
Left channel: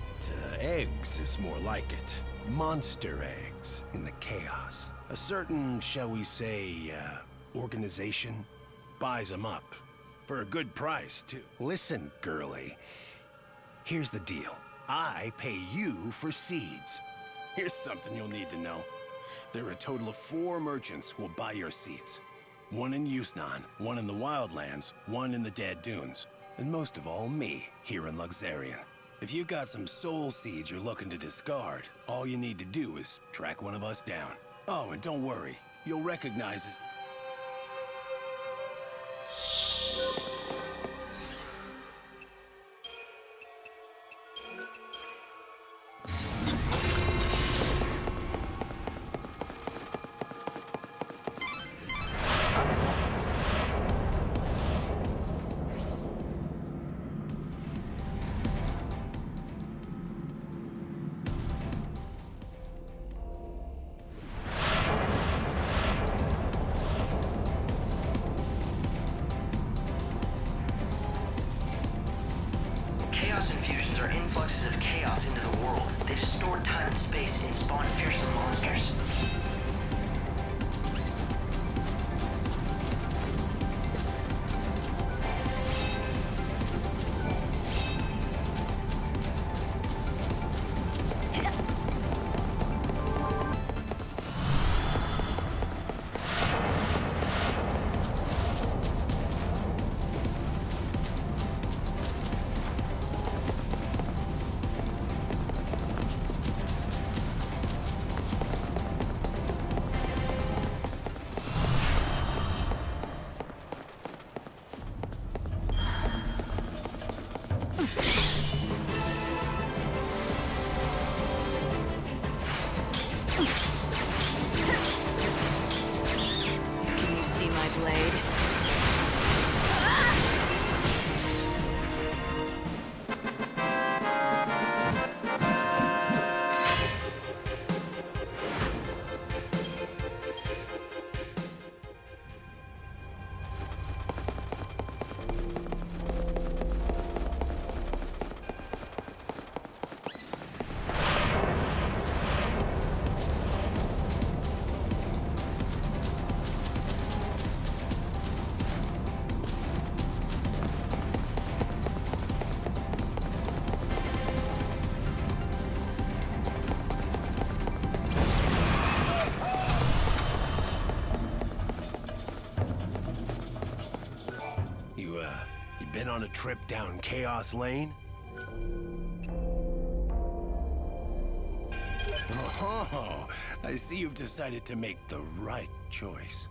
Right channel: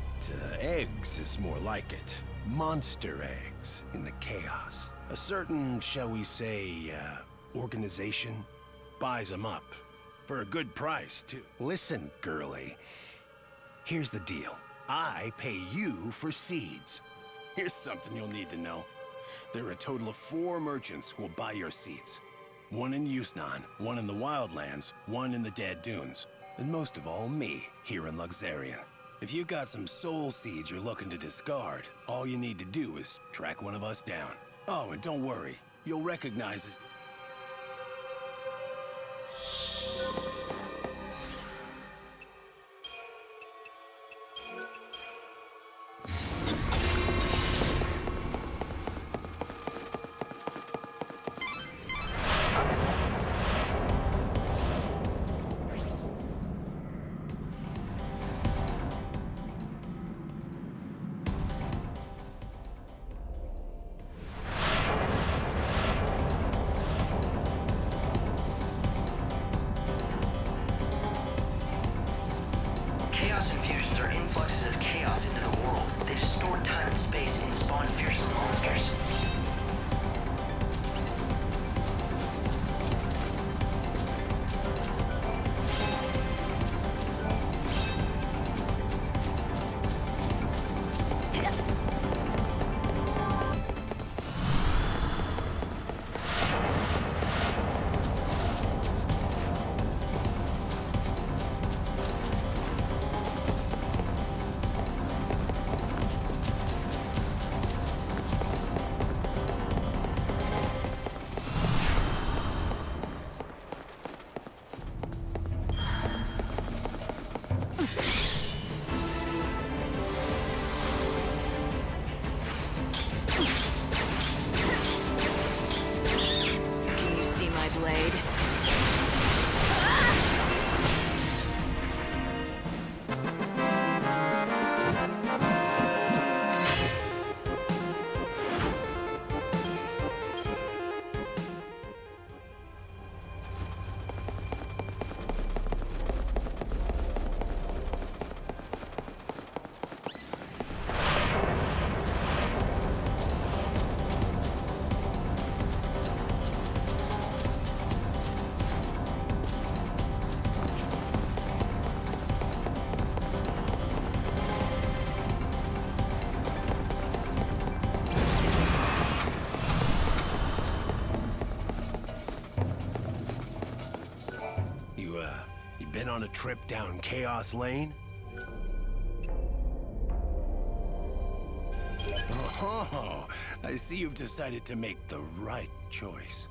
eggs is more like it. monster eggs in the chaos. A certain, shall we say, organization buys them up. For a good price, too. Listen, girlie. Here's the deal. I pay you for seeds. Here's something you'll need to know. There are a total of 4 merchants who will buy your seeds. 1 in Yusnan, 1 in the Wildlands, 1 in the Dead Dunes. And most of all, me, here in Luxarian. If you've got some soul seeds you're looking to discard, all you need to do is track one of us down. Oh, and don't worry. You'll recognize it. Chaos infusions are influxes of chaos into the world. They distort time and space and spawn fearsome monsters. Can you see my blade? You been on a trip down Chaos Lane? Oh, I see you've decided to make the right choice.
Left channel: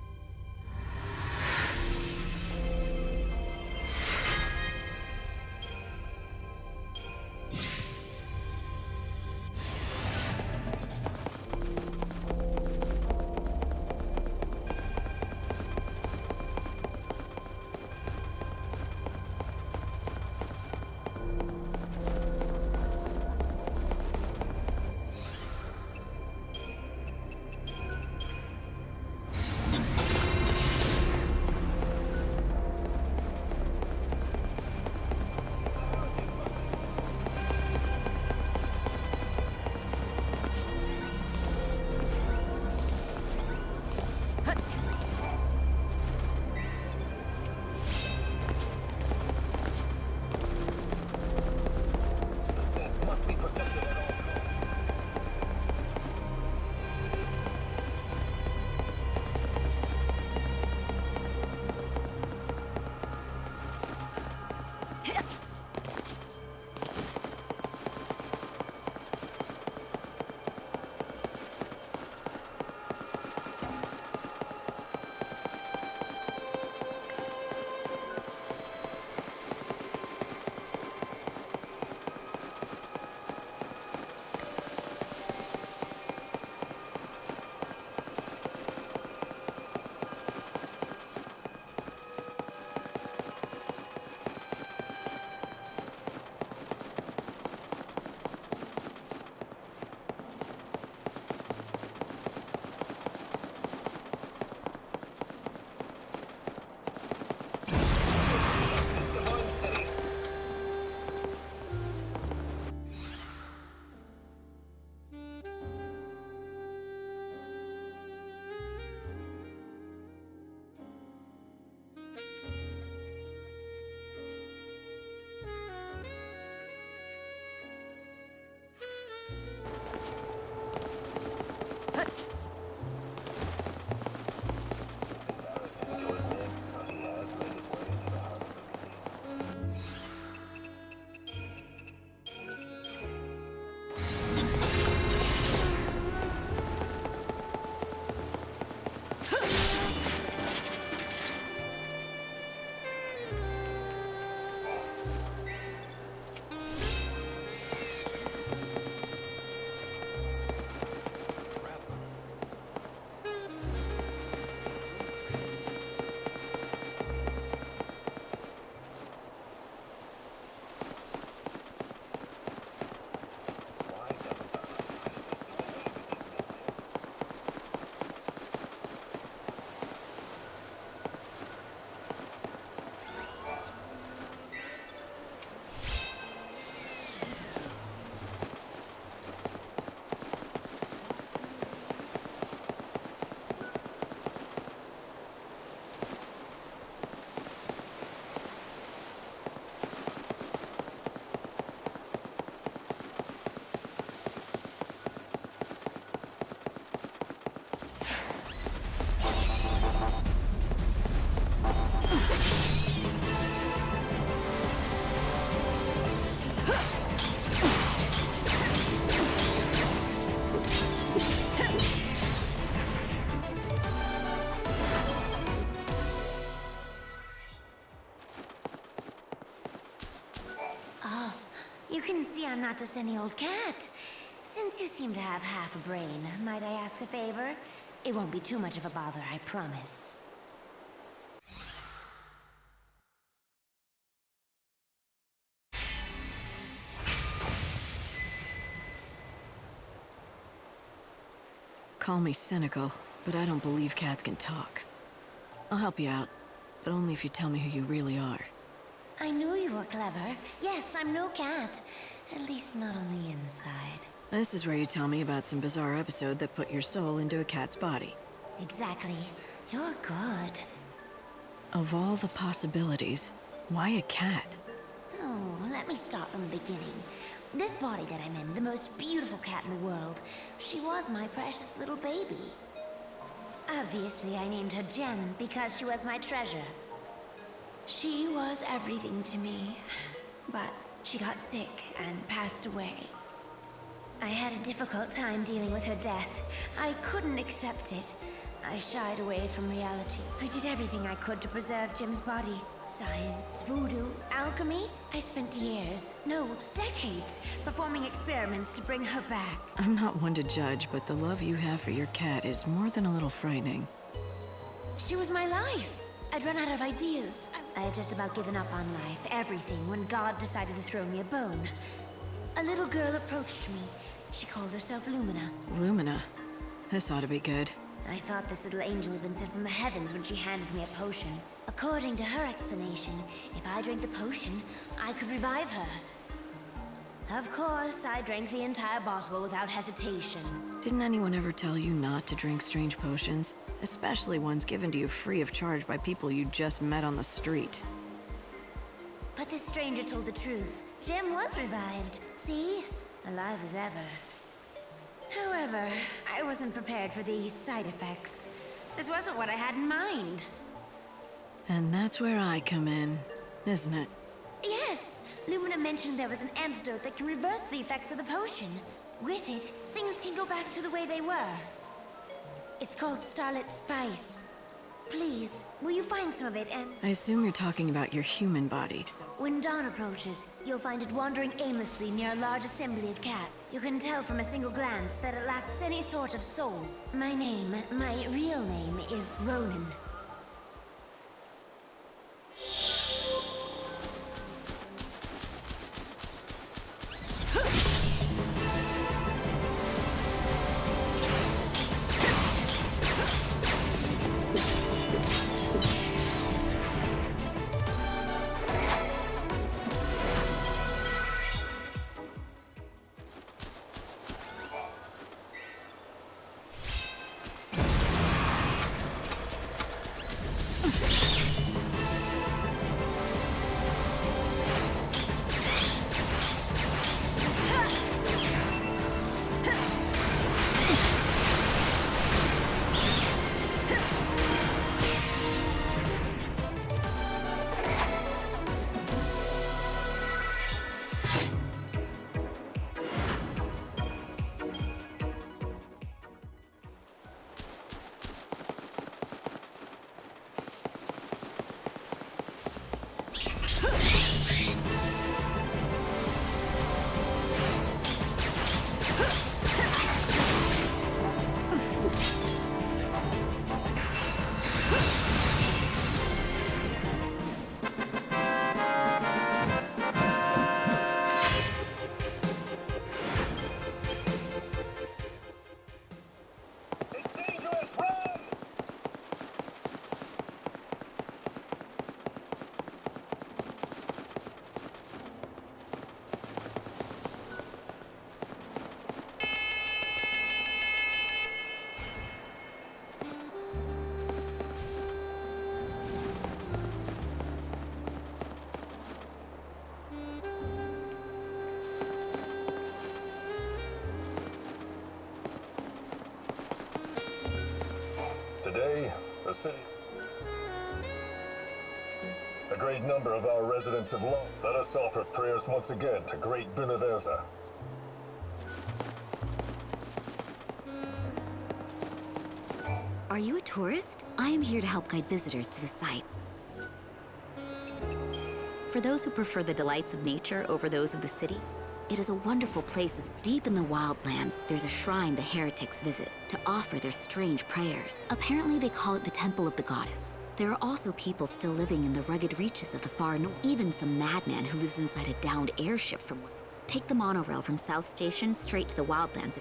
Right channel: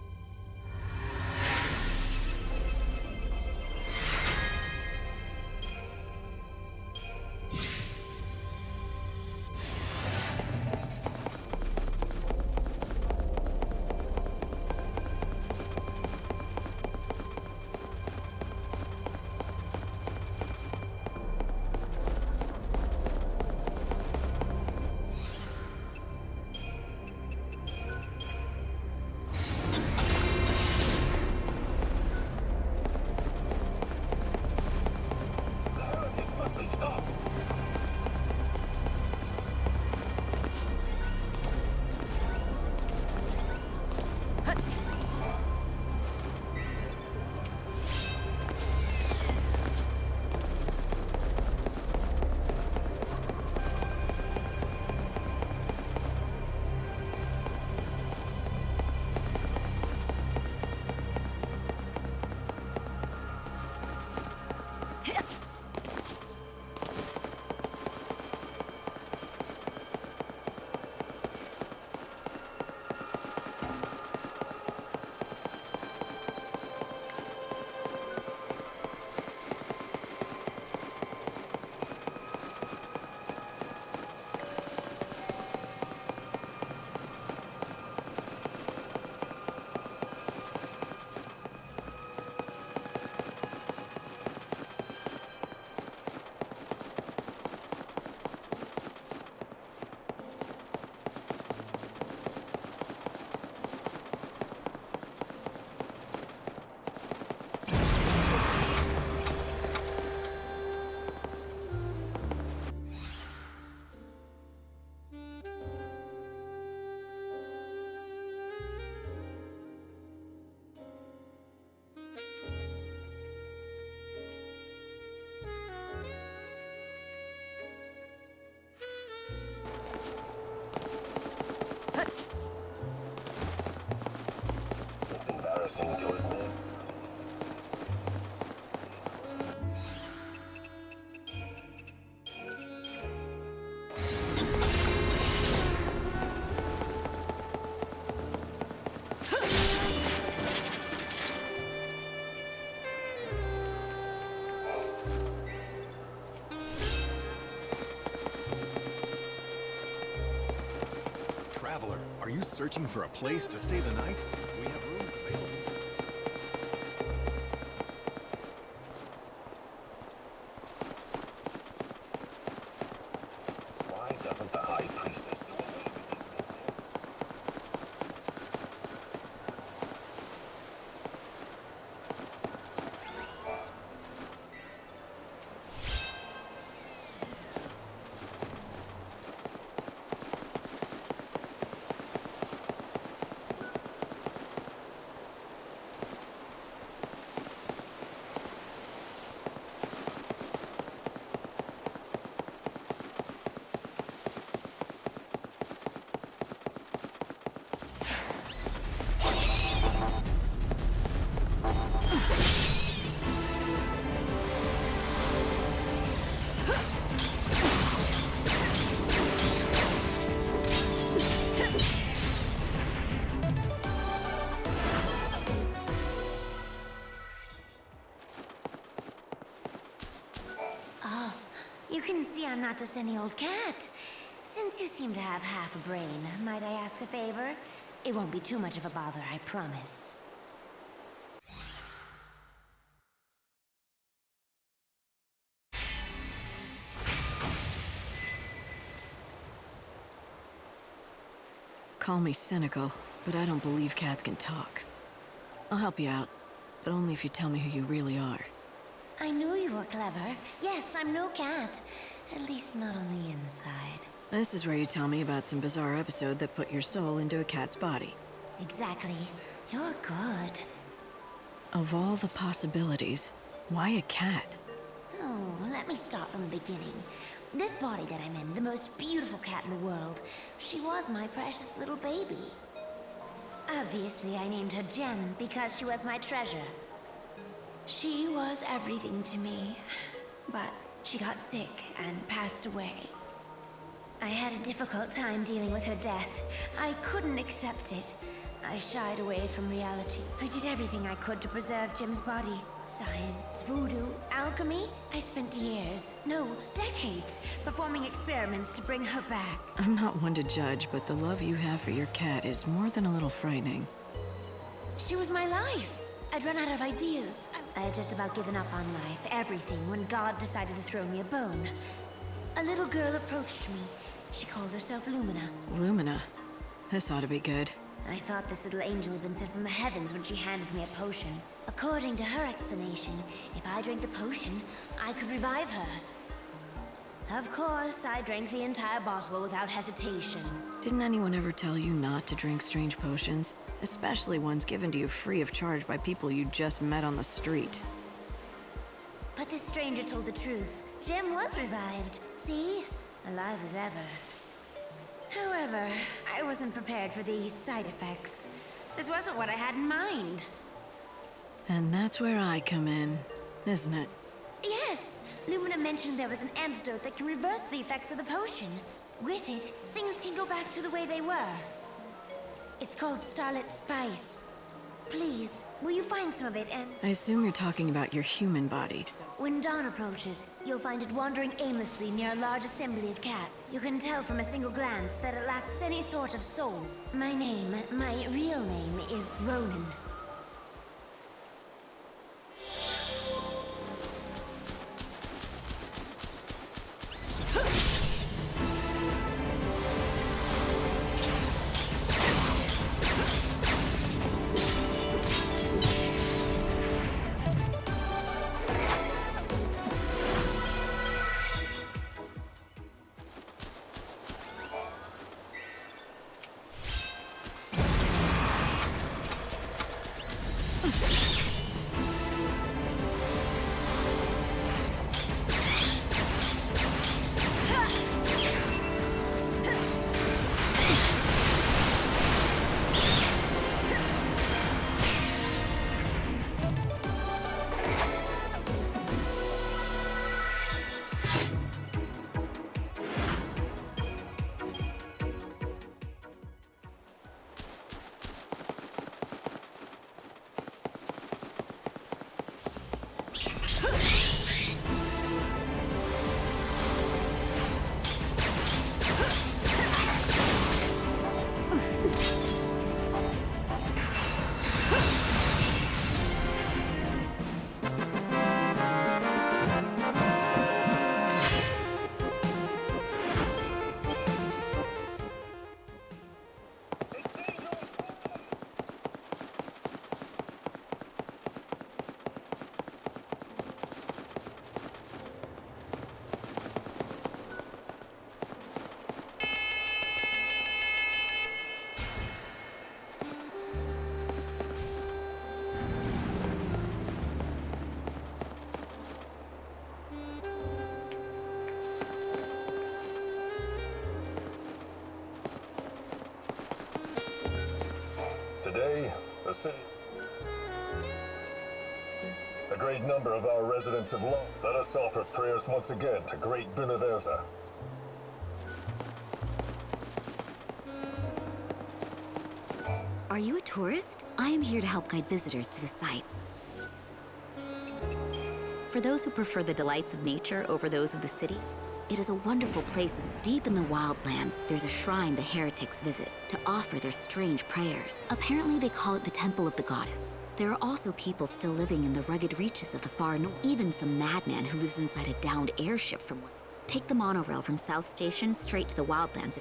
place to stay the night? We have rooms available. Why doesn't the High Priestess do away with these men here? Oh, you can see I'm not just any old cat. Since you seem to have half a brain, might I ask a favor? It won't be too much of a bother, I promise. Call me cynical, but I don't believe cats can talk. I'll help you out, but only if you tell me who you really are. I knew you were clever. Yes, I'm no cat. At least not on the inside. This is where you tell me about some bizarre episode that put your soul into a cat's body. Exactly. You're good. Of all the possibilities, why a cat? Oh, let me start from the beginning. This body that I'm in, the most beautiful cat in the world, she was my precious little baby. Obviously, I named her Gem because she was my treasure. She was everything to me, but she got sick and passed away. I had a difficult time dealing with her death. I couldn't accept it. I shied away from reality. I did everything I could to preserve Jim's body. Science, voodoo, alchemy. I spent years, no, decades, performing experiments to bring her back. I'm not one to judge, but the love you have for your cat is more than a little frightening. She was my life. I'd run out of ideas. I had just about given up on life, everything, when God decided to throw me a bone. A little girl approached me. She called herself Lumina. Lumina. This ought to be good. I thought this little angel had been sent from the heavens when she handed me a potion. According to her explanation, if I drank the potion, I could revive her. Of course, I drank the entire bottle without hesitation. Didn't anyone ever tell you not to drink strange potions? Especially ones given to you free of charge by people you just met on the street. But this stranger told the truth. Jim was revived. See? Alive as ever. However, I wasn't prepared for these side effects. This wasn't what I had in mind. And that's where I come in, isn't it? Yes! Lumina mentioned there was an antidote that can reverse the effects of the potion. With it, things can go back to the way they were. It's called Starlit Spice. Please, will you find some of it and... I assume you're talking about your human body. When dawn approaches, you'll find it wandering aimlessly near a large assembly of cats. You can tell from a single glance that it lacks any sort of soul. My real name is Ronan. city. A great number of our residents have lost. Let us offer prayers once again to great Beneverza. Are you a tourist? I am here to help guide visitors to the sites. For those who prefer the delights of nature over those of the city, it is a wonderful place deep in the wildlands. There's a shrine the heretics visit to offer their strange prayers. Apparently they call it the Temple of the Goddess. There are also people still living in the rugged reaches of the far north. Even some madman who lives inside a downed airship from one. Take the monorail from South Station straight to the wildlands.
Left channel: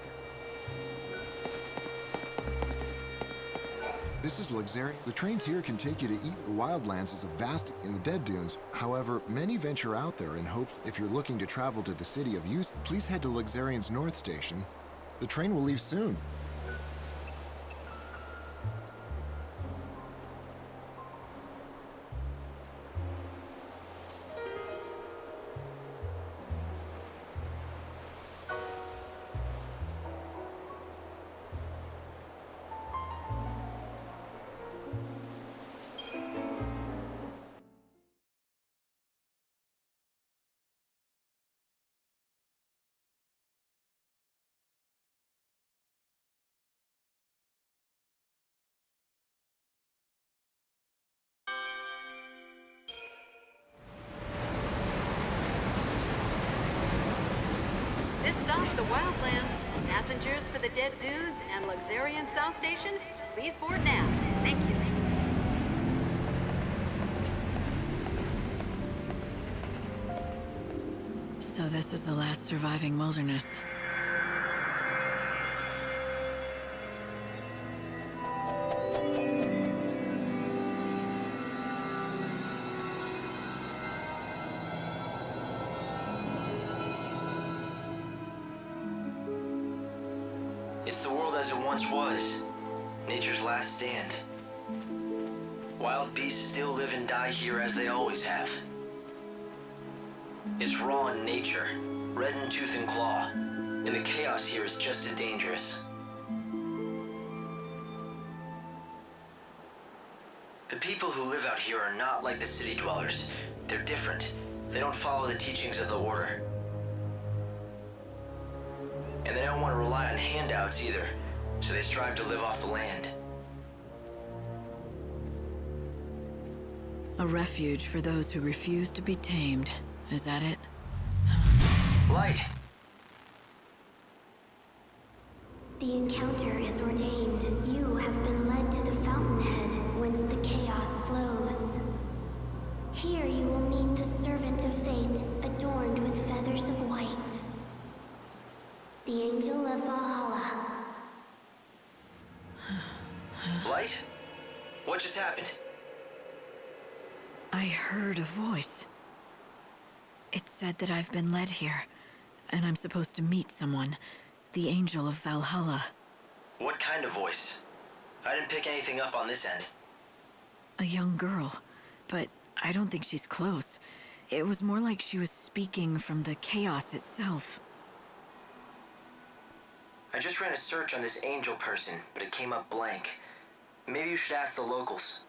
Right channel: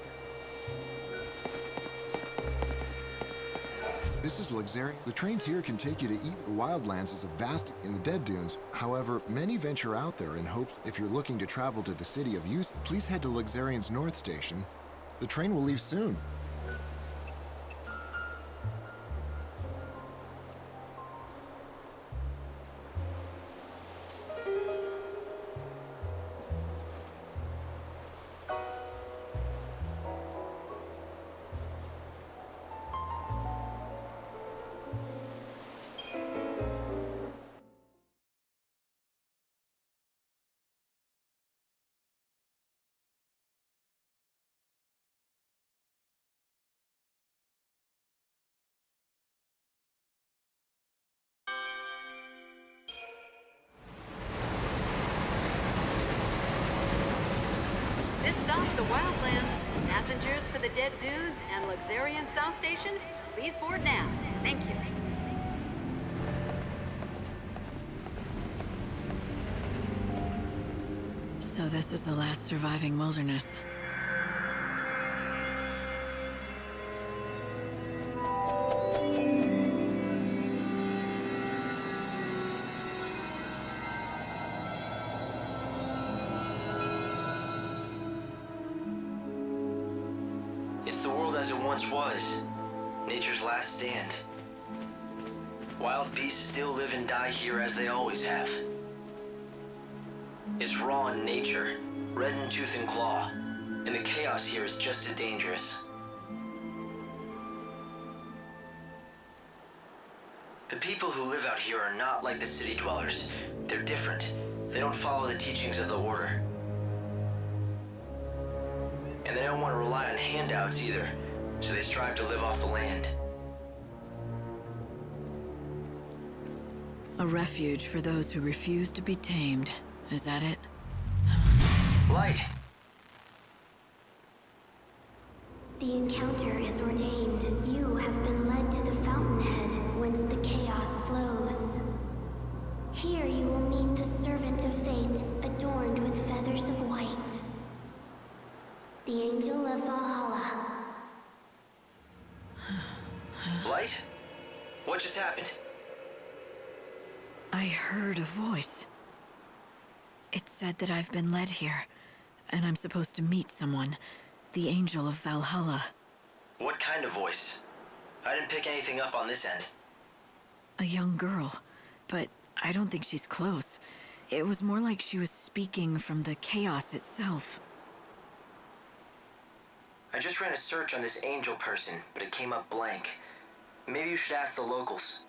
This is XIII-3. The trains here can take you to eat. The wildlands is a vast in the Dead Dunes. However, many venture out there in hopes. If you're looking to travel to the city of Use, please head to XIII's North Station. The train will leave soon. This stops the Wildlands. Passengers for the Dead Dunes and Luxurian South Station, please board now. Thank you. So this is the last surviving wilderness. It's the world as it once was. Nature's last stand. Wild beasts still live and die here as they always have. It's raw in nature, red in tooth and claw, and the chaos here is just as dangerous. The people who live out here are not like the city dwellers. They're different. They don't follow the teachings of the Order. And they don't want to rely on handouts either, so they strive to live off the land. A refuge for those who refuse to be tamed. Is that it? Light! The encounter is ordained. You have been led to the fountainhead, whence the chaos flows. Here you will meet the servant of fate, adorned with feathers of white. The Angel of Valhalla. Light? What just happened? I heard a voice. It said that I've been led here, and I'm supposed to meet someone. The Angel of Valhalla. What kind of voice? I didn't pick anything up on this end. A young girl, but I don't think she's close. It was more like she was speaking from the chaos itself. I just ran a search on this angel person, but it came up blank. Maybe you should ask the locals.